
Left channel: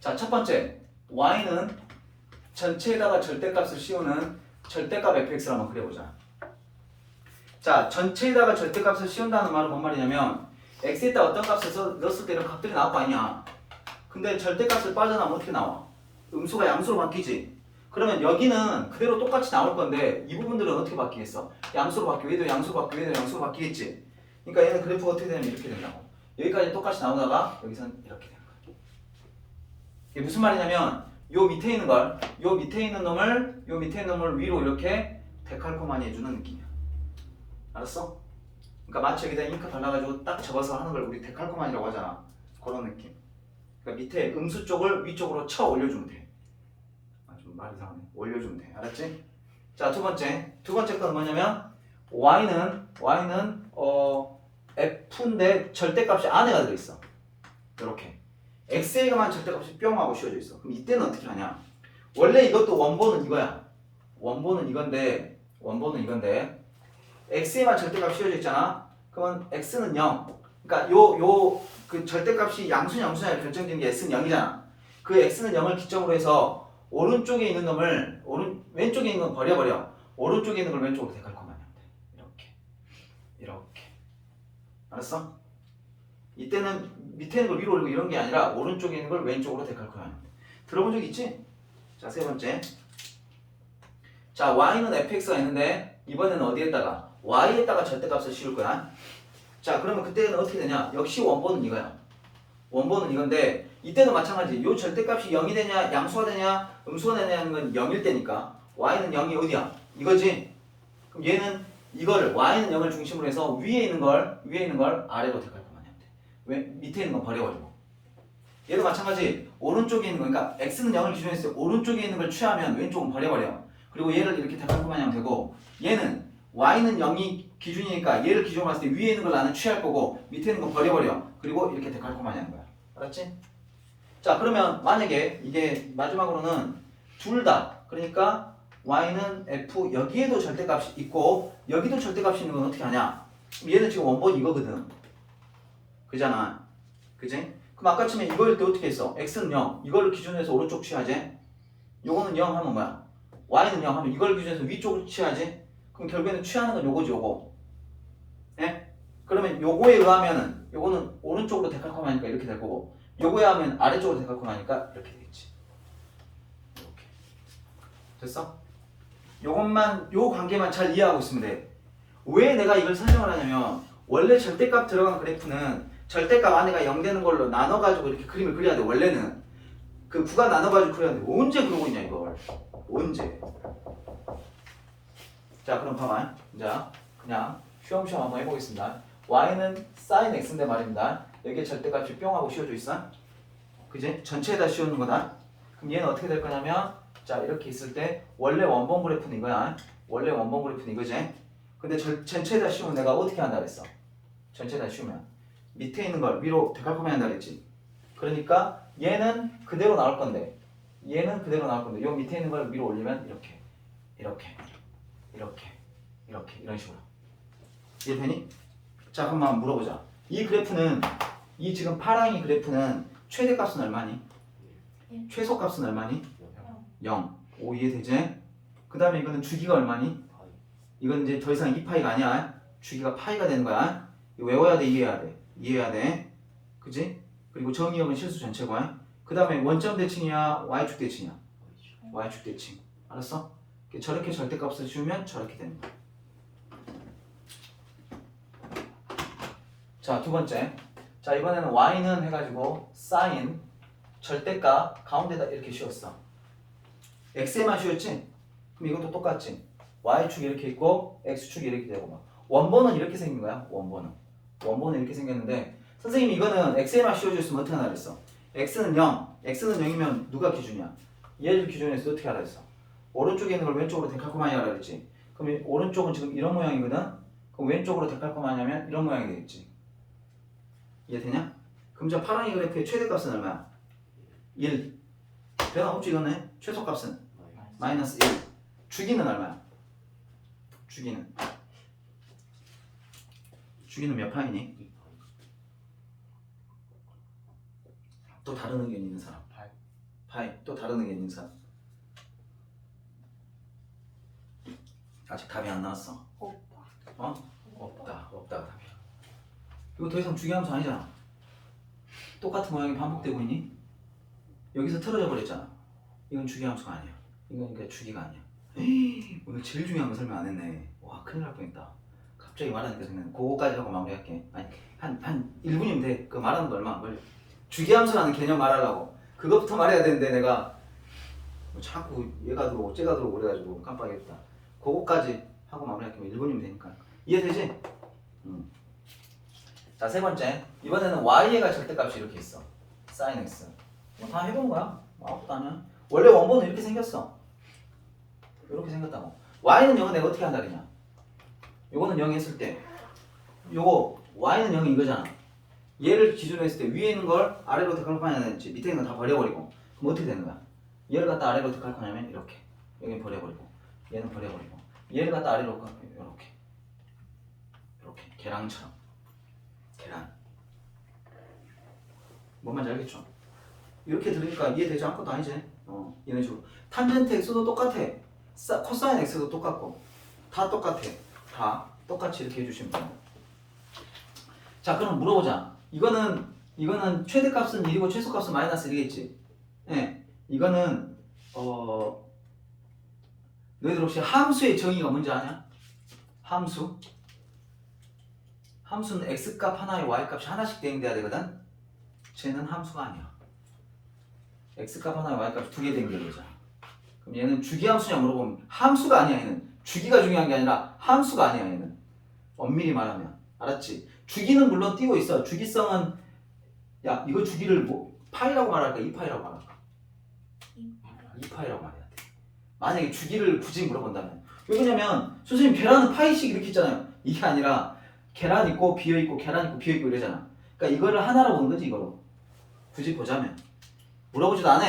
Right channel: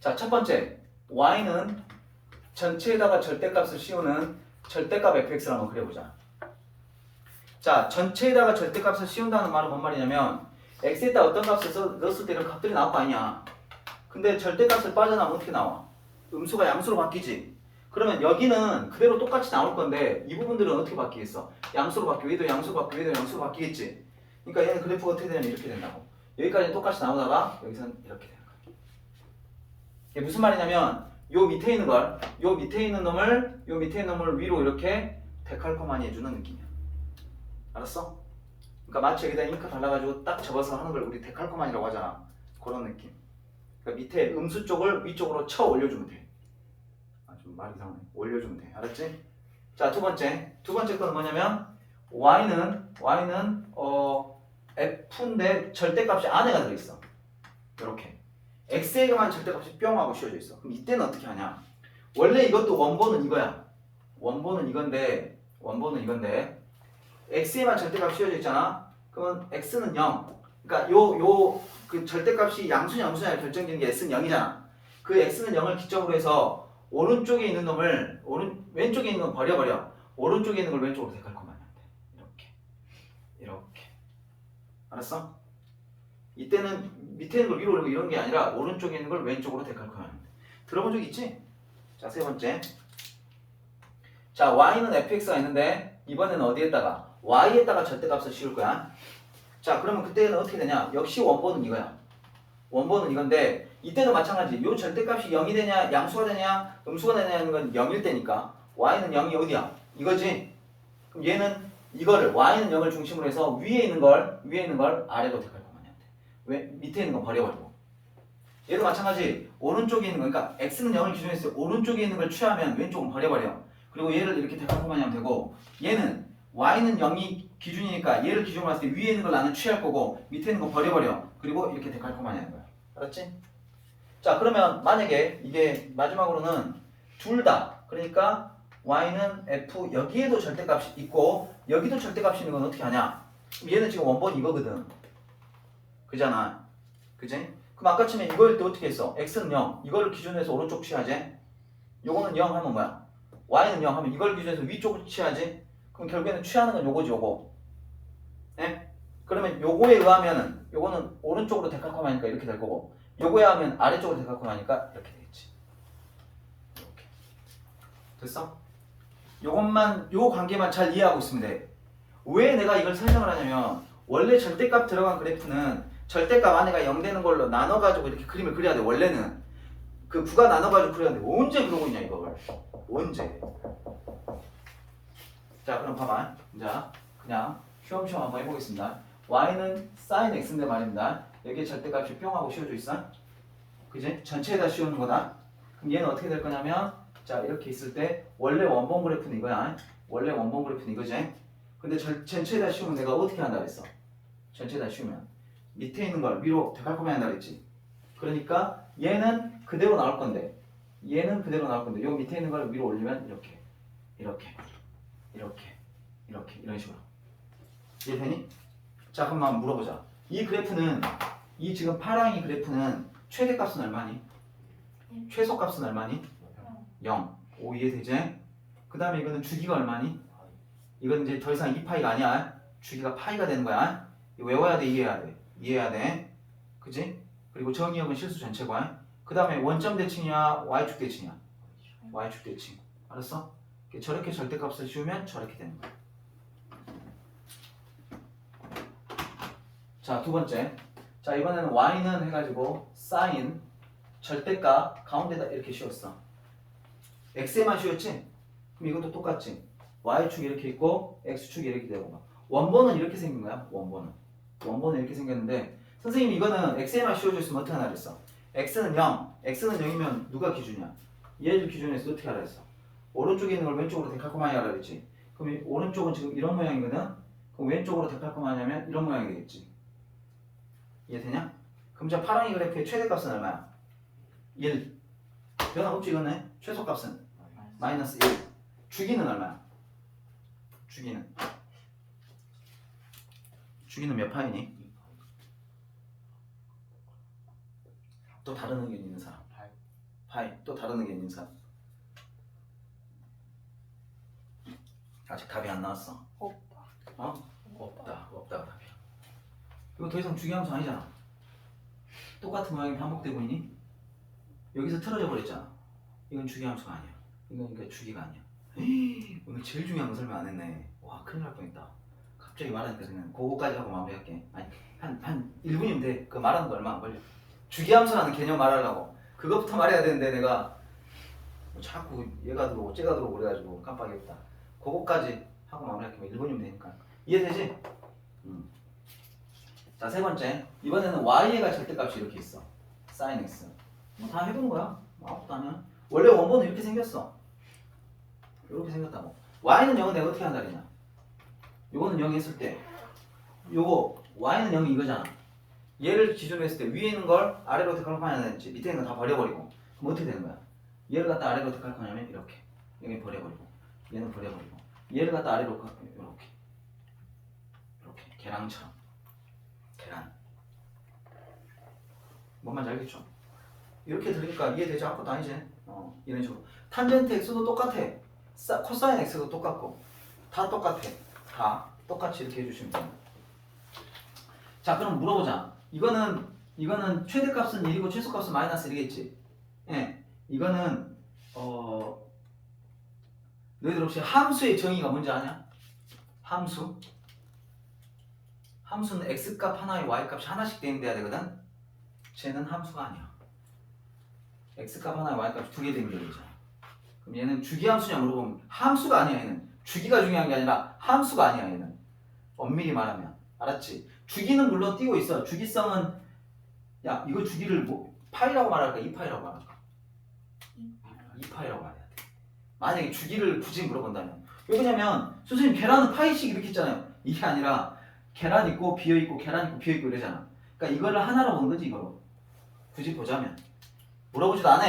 자, 첫 번째 y는 전체에다가 절대값을 씌우는 절대값 fx를 한번 그려보자. 자, 전체에다가 절대값을 씌운다는 말은 뭔 말이냐면 x에다 어떤 값을 넣었을 때 이런 값들이 나올 거 아니야. 근데 절대값을 빠져나오면 어떻게 나와? 음수가 양수로 바뀌지. 그러면 여기는 그대로 똑같이 나올 건데 이 부분들은 어떻게 바뀌겠어? 양수로 바뀌고 얘도 양수로 바뀌고 얘도 양수로 바뀌겠지. 그러니까 얘는 그래프가 어떻게 되냐면 이렇게 된다고. 여기까지는 똑같이 나오다가 여기서는 이렇게 되는 거야. 이게 무슨 말이냐면 요 밑에 있는 놈을 위로 이렇게 데칼코마니 해주는 느낌이야. 알았어? 그러니까 마치 여기다 잉크 발라가지고 딱 접어서 하는 걸 우리 데칼코마니라고 하잖아. 그런 느낌. 그러니까 밑에 음수 쪽을 위쪽으로 쳐 올려주면 돼. 좀 말이 이상하네. 올려주면 돼. 알았지? 자, 두 번째 건 뭐냐면 y는 f인데 절대값이 안에가 들어있어. 이렇게 x에만 절대값이 뿅 하고 씌워져 있어. 그럼 이때는 어떻게 하냐? 원래 이것도 원본은 이거야. 원본은 이건데 x에만 절대값 씌워져 있잖아. 그러면 x는 0. 그러니까 요 그 절대값이 양수냐 결정되는 게 x는 0이잖아. 그 x는 0을 기점으로 해서 오른쪽에 있는 놈을 왼쪽에 있는 건 버려. 오른쪽에 있는 걸 왼쪽으로 데칼코마니하면 돼. 이렇게. 알았어? 이때는 밑에 있는 걸 위로 올리고 이런 게 아니라 오른쪽에 있는 걸 왼쪽으로 데칼코마니하면 돼. 들어본 적 있지? 자, 세 번째. 자, y는 fx가 있는데 이번에는 어디에다가? y에다가 절대값을 씌울 거야. 자, 그러면 그때는 어떻게 되냐? 역시 원본은 이거야. 원본은 이건데 이때도 마찬가지. 요 절대값이 0이 되냐, 양수가 되냐, 음수가 되냐는 건 0일 때니까 y는 0이 어디야? 이거지. 그럼 얘는 이거를 y는 0을 중심으로 해서 위에 있는 걸 아래로 데칼코마니하면 돼. 왜? 밑에 있는 건 버려버리고. 얘도 마찬가지. 오른쪽에 있는 거, 그러니까 x는 0을 기준으로 해서 오른쪽에 있는 걸 취하면 왼쪽은 버려버려. 그리고 얘를 이렇게 데칼코마니하면 되고, 얘는 y는 0이 기준이니까 얘를 기준으로 봤을 때 위에 있는 걸 나는 취할 거고 밑에 있는 거 버려버려. 그리고 이렇게 데칼코마니하는 거야. 알았지? 자, 그러면 만약에 이게 마지막으로는 둘 다, 그러니까 y는 f 여기에도 절대값이 있고 여기도 절대값이 있는 건 어떻게 하냐? 얘는 지금 원본이 이거거든. 그잖아. 그지? 그럼 아까처럼 이거일 때 어떻게 했어? x는 0. 이걸 기준으로 해서 오른쪽 취하지? 요거는 0 하면 뭐야? y는 0 하면 이걸 기준으로 해서 위쪽을 취하지? 그럼 결국에는 취하는 건 요거지, 요거. 예? 그러면 요거에 의하면은 요거는 오른쪽으로 데칼코마니까 이렇게 될 거고 요거에 하면 아래쪽으로 데칼코마니까 이렇게 되겠지. 이렇게. 됐어? 요것만 요 관계만 잘 이해하고 있으면 돼. 왜 내가 이걸 설명을 하냐면 원래 절대값 들어간 그래프는 절대값 안에가 0 되는 걸로 나눠가지고 이렇게 그림을 그려야 돼. 원래는 그 부가 나눠가지고 그려야 돼. 언제 그러고 있냐 이걸. 언제. 자, 그럼 봐봐. 자, 그냥 쉬엄쉬엄 한번 해보겠습니다. y는 sin x인데 말입니다. 여기에 절대값이 뿅 하고 씌워져 있어. 그지? 전체에다 씌우는 거다. 그럼 얘는 어떻게 될 거냐면 자, 이렇게 있을 때 원래 원본 그래프는 이거야. 원래 원본 그래프는 이거지. 근데 전체에다 씌우면 내가 어떻게 한다 그랬어? 전체에다 씌우면 밑에 있는 걸 위로 데칼코마니 한다 그랬지. 그러니까 얘는 그대로 나올 건데 얘는 그대로 나올 건데 요 밑에 있는 걸 위로 올리면 이렇게 이런 식으로. 이해되니? 자, 그럼 한번 물어보자. 이 그래프는 이 지금 파랑이 그래프는 최대값은 얼마니? 최소값은 얼마니? 0. 오, 이해되지? 그 다음에 이거는 주기가 얼마니? 이건 이제 더 이상 2파이가 아니야. 주기가 파이가 되는 거야. 이거 외워야 돼, 이해해야 돼. 그지? 그리고 정의역은 실수 전체고야. 그 다음에 원점 대칭이야, y축 대칭이야? y축 대칭. 알았어? 저렇게 절대값을 씌우면 저렇게 되는 거야. 자, 두 번째. 자, 이번에는 y는 해가지고 sin 절대값 가운데다 이렇게 씌웠어. x에만 씌웠지? 그럼 이것도 똑같지? y축이 이렇게 있고 x축이 이렇게 되고 원본은 이렇게 생긴 거야. 원본은 이렇게 생겼는데 선생님이 이거는 x에만 씌워져 있으면 어떻게 하라 그랬어? x는 0. x는 0이면 누가 기준이야? 얘를 기준으로 해서 어떻게 하라 그랬어? 오른쪽에 있는 걸 왼쪽으로 데칼코마니 하라 그랬지. 그럼 오른쪽은 지금 이런 모양이거든? 그럼 왼쪽으로 데칼코마니 하면 이런 모양이 되겠지. 이해되냐? 그럼 저 파랑이 그래프의 최대값은 얼마야? 1. 변함없지 이거네. 최소값은 마이너스 1. 주기는 얼마야? 주기는 몇 파이니? 또 다른 의견 있는 사람? 파이. 또 다른 의견 있는 사람? 아직 답이 안 나왔어. 없다가 답이야. 이거 더 이상 주기함수 아니잖아. 똑같은 모양이 반복되고 있니? 여기서 틀어져 버렸잖아. 이건 주기함수가 아니야. 이건 그러니까 주기가 아니야. 에이, 오늘 제일 중요한 거 설명 안 했네. 와, 큰일 날 뻔했다. 갑자기 말하니까 생각나. 그거까지 하고 마무리할게. 아니, 한 1분이면 돼. 그거 말하는 거 얼마 안 걸려. 주기함수라는 개념 말하려고 그것부터 말해야 되는데 내가 자꾸 얘가 들어오고 쟤가 들어오고 그래가지고 깜빡했다. 그거까지 하고 마무리할게. 1분이면 되니까. 이해되지? 자, 세 번째. 이번에는 y가 절대값이 이렇게 있어. sin x. 뭐 다 해본 거야. 아무것도 아니야. 원래 원본은 이렇게 생겼어. 이렇게 생겼다고. y는 0은 내가 어떻게 한다 그러냐? 요거는 0이 했을 때 요거 y는 0이 이거잖아. 얘를 기준으로 했을 때 위에 있는 걸 아래로 어떻게 할 거냐면 밑에 있는 건 다 버려버리고 그럼 어떻게 되는 거야? 얘를 갖다 아래로 어떻게 할 거냐면 이렇게 여기는 버려버리고 얘는 버려버리고 얘를 갖다 아래로 이렇게 이렇게 계란처럼 계란 뭔 말인지 알겠죠? 이렇게 들으니까 이해되지 않고도 아니지? 이런 식으로 탄젠트 x도 똑같아 코사인 x도 똑같고 다 똑같아 다 똑같이 이렇게 해주시면 됩니다. 자 그럼 물어보자. 이거는 최대값은 1이고 최소값은 마이너스 1이겠지. 예, 이거는 너희들 혹시 함수의 정의가 뭔지 아냐? 함수는 x값 하나에 y값이 하나씩 대응돼야 되거든. 쟤는 함수가 아니야. x값 하나에 y값이 두 개 대응돼야 되잖아. 그럼 얘는 주기함수냐 물어보면 함수가 아니야. 얘는 주기가 중요한 게 아니라 함수가 아니야. 얘는 엄밀히 말하면 알았지? 주기는 물론 띄고 있어. 주기성은 야 이거 주기를 뭐 파이라고 말할까 2파이라고 말할까? 2파이라고 말해야 돼. 만약에 주기를 굳이 물어본다면 왜 그러냐면 선생님 계란은 파이씩 이렇게 있잖아요. 이게 아니라 계란 있고 비어 있고 계란 있고 비어 있고 이러잖아. 그러니까 이거를 하나로 보는 거지 이거로. 굳이 보자면 물어보지도 않아.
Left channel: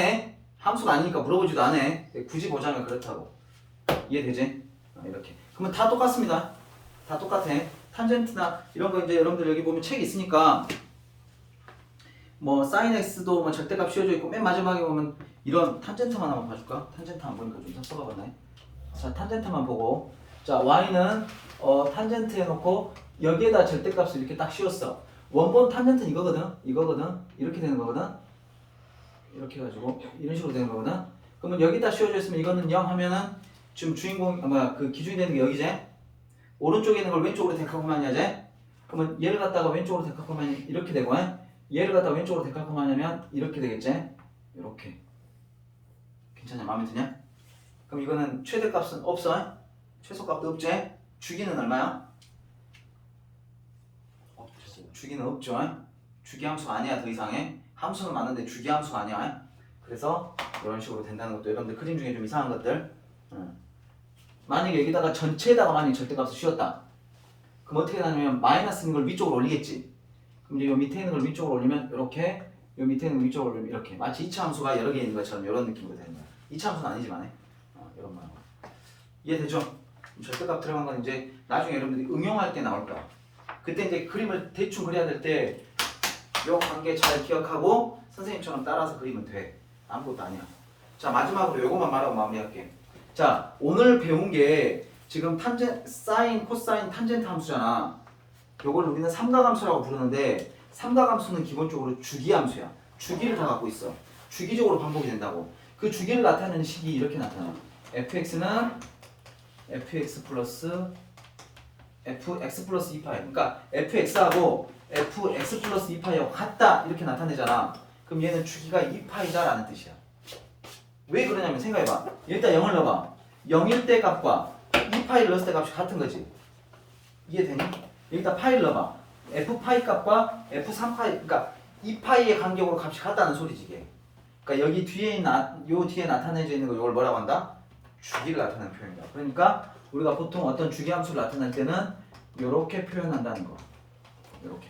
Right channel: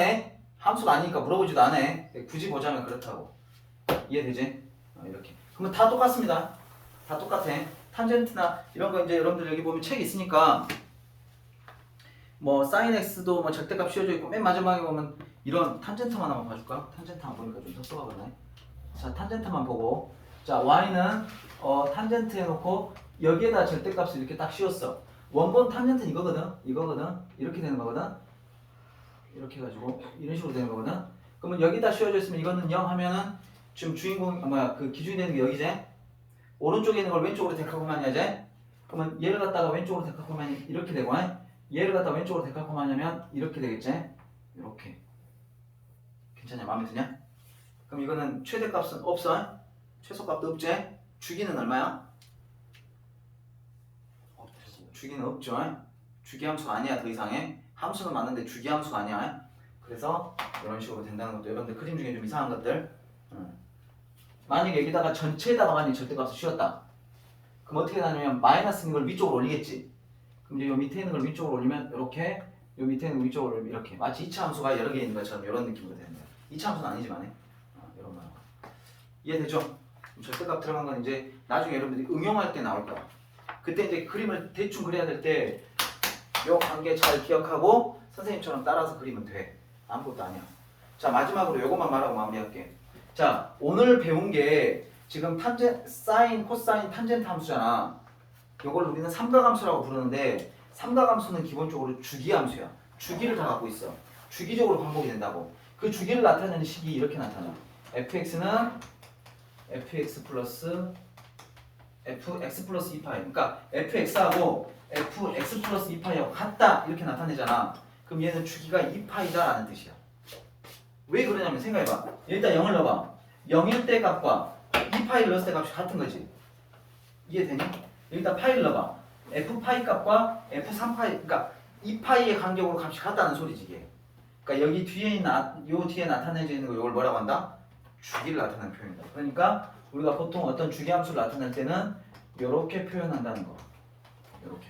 함수가 아니니까 물어보지도 않아. 굳이 보자면 그렇다고. 이해되지? 이렇게. 그러면 다 똑같습니다. 다 똑같아. 탄젠트나 이런 거 이제 여러분들 여기 보면 책 있으니까 뭐 사인 x도 뭐 절대값 씌워져 있고 맨 마지막에 보면 이런 탄젠트만 한번 봐줄까? 탄젠트만 보니까 좀 섭섭하네. 자 탄젠트만 보고 자 y는 탄젠트 해놓고 여기에다 절대값을 이렇게 딱 씌웠어. 원본 탄젠트는 이거거든 이렇게 되는 거거든. 이렇게 해가지고 이런 식으로 되는 거거든. 그러면 여기다 씌워져 있으면 이거는 0 하면은 지금 주인공 그 기준이 되는 게 여기지. 오른쪽에 있는 걸 왼쪽으로 데칼코마니아지. 그러면 얘를 갖다가 왼쪽으로 데칼코마니 이렇게 되고 얘를 갖다가 왼쪽으로 데칼코마니하면 이렇게 되겠지. 이렇게. 괜찮냐? 마음에 드냐? 그럼 이거는 최대값은 없어. 최소값도 없지. 주기는 얼마야? 주기는 없죠. 주기함수가 아니야. 더 이상해. 함수는 맞는데 주기함수가 아니야. 그래서 이런 식으로 된다는 것도 여러분들 그림 중에 좀 이상한 것들. 만약에 여기다가 전체에다가 만약에 절대값을 씌웠다. 그럼 어떻게 되냐면 마이너스 있는 걸 위쪽으로 올리겠지. 그럼 이제 요 밑에 있는 걸 위쪽으로 올리면 이렇게 요 밑에 있는 걸 위쪽으로 올리면 이렇게 마치 2차 함수가 여러 개 있는 것처럼 이런 느낌으로 되는 거야. 2차 함수는 아니지만 이런 거. 이해되죠? 절대값 들어간 건 이제 나중에 여러분들이 응용할 때 나올 거야. 그때 이제 그림을 대충 그려야 될 때 요 관계 잘 기억하고 선생님처럼 따라서 그리면 돼. 아무것도 아니야. 자 마지막으로 요것만 말하고 마무리할게. 자 오늘 배운 게 지금 사인, 코사인, 탄젠트 함수잖아. 요걸 우리는 삼각함수라고 부르는데 삼각함수는 기본적으로 주기함수야. 주기를 다 갖고 있어. 주기적으로 반복이 된다고. 그 주기를 나타내는 식이 이렇게 나타나. fx는 fx 플러스 2파이. 그러니까 fx하고 fx 플러스 2파이하고 같다 이렇게 나타내잖아. 그럼 얘는 주기가 2파이다 라는 뜻이야. 왜 그러냐면 생각해봐. 일단 0을 넣어봐. 0일 때 값과 2파이를 넣었을 때 값이 같은 거지. 이해되니? 여기다 파이를 넣어봐. f파이 값과 f3파이 그러니까 2파이의 간격으로 값이 같다는 소리지 이게. 그러니까 여기 뒤에 요 뒤에 나타내져 있는 거 이걸 뭐라고 한다? 주기를 나타내는 표현이다. 그러니까 우리가 보통 어떤 주기 함수를 나타낼 때는 이렇게 표현한다는 거. 이렇게.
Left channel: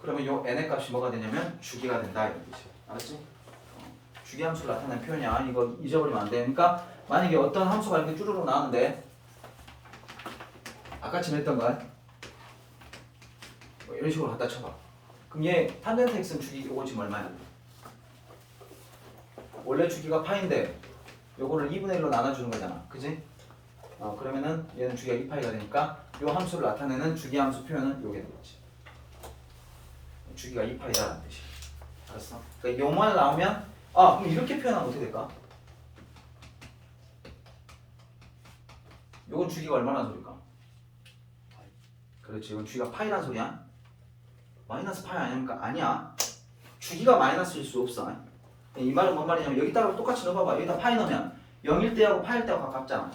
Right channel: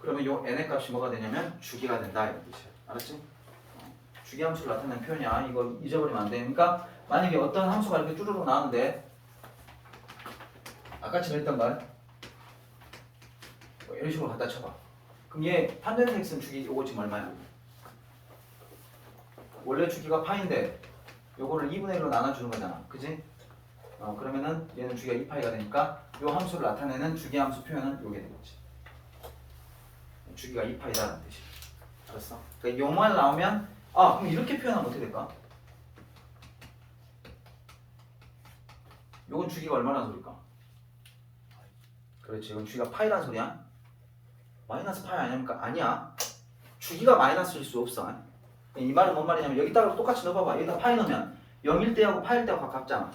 그러면 요 n의 값이 뭐가 되냐면 주기가 된다 이런 뜻이야. 알았지? 주기 함수를 나타내는 표현이야. 이거 잊어버리면 안 돼. 그러니까 만약에 어떤 함수가 이렇게 쭈루룩 나왔는데 아까처럼 했던 건 이런 식으로 갖다 쳐봐. 그럼 얘 탄젠트 x는 주기 요거 지금 얼마야? 원래 주기가 파인데 요거를 2분의 1로 나눠주는 거잖아. 그지? 그러면은 얘는 주기가 2파이가 되니까 요 함수를 나타내는 주기 함수 표현은 요게 되는 거지. 주기가 2파이다라는 뜻이야. 알았어? 그러니까 요말 나오면 그럼 이렇게 표현하면 어떻게 될까? 요건 주기가 얼마나 소리일까? 그렇지. 이건 주기가 파이라는 소리야. 마이너스 파이 아닙니까? 아니야. 주기가 마이너스일 수 없어. 이 말은 뭔 말이냐면 여기다가 똑같이 넣어봐봐. 여기다 파이 넣으면 0일 때하고 파일 때하고 가깝잖아.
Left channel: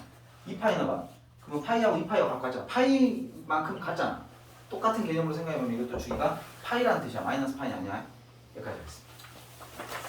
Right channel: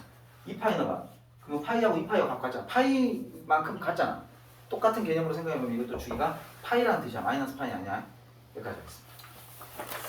2파이 넣어봐. 그러면 파이하고 2파이하고 가깝잖아. 파이만큼 같잖아. 똑같은 개념으로 생각해보면 이것도 주기가 파이라는 뜻이야. 마이너스 파이 아니야. 여기까지 하겠습니다.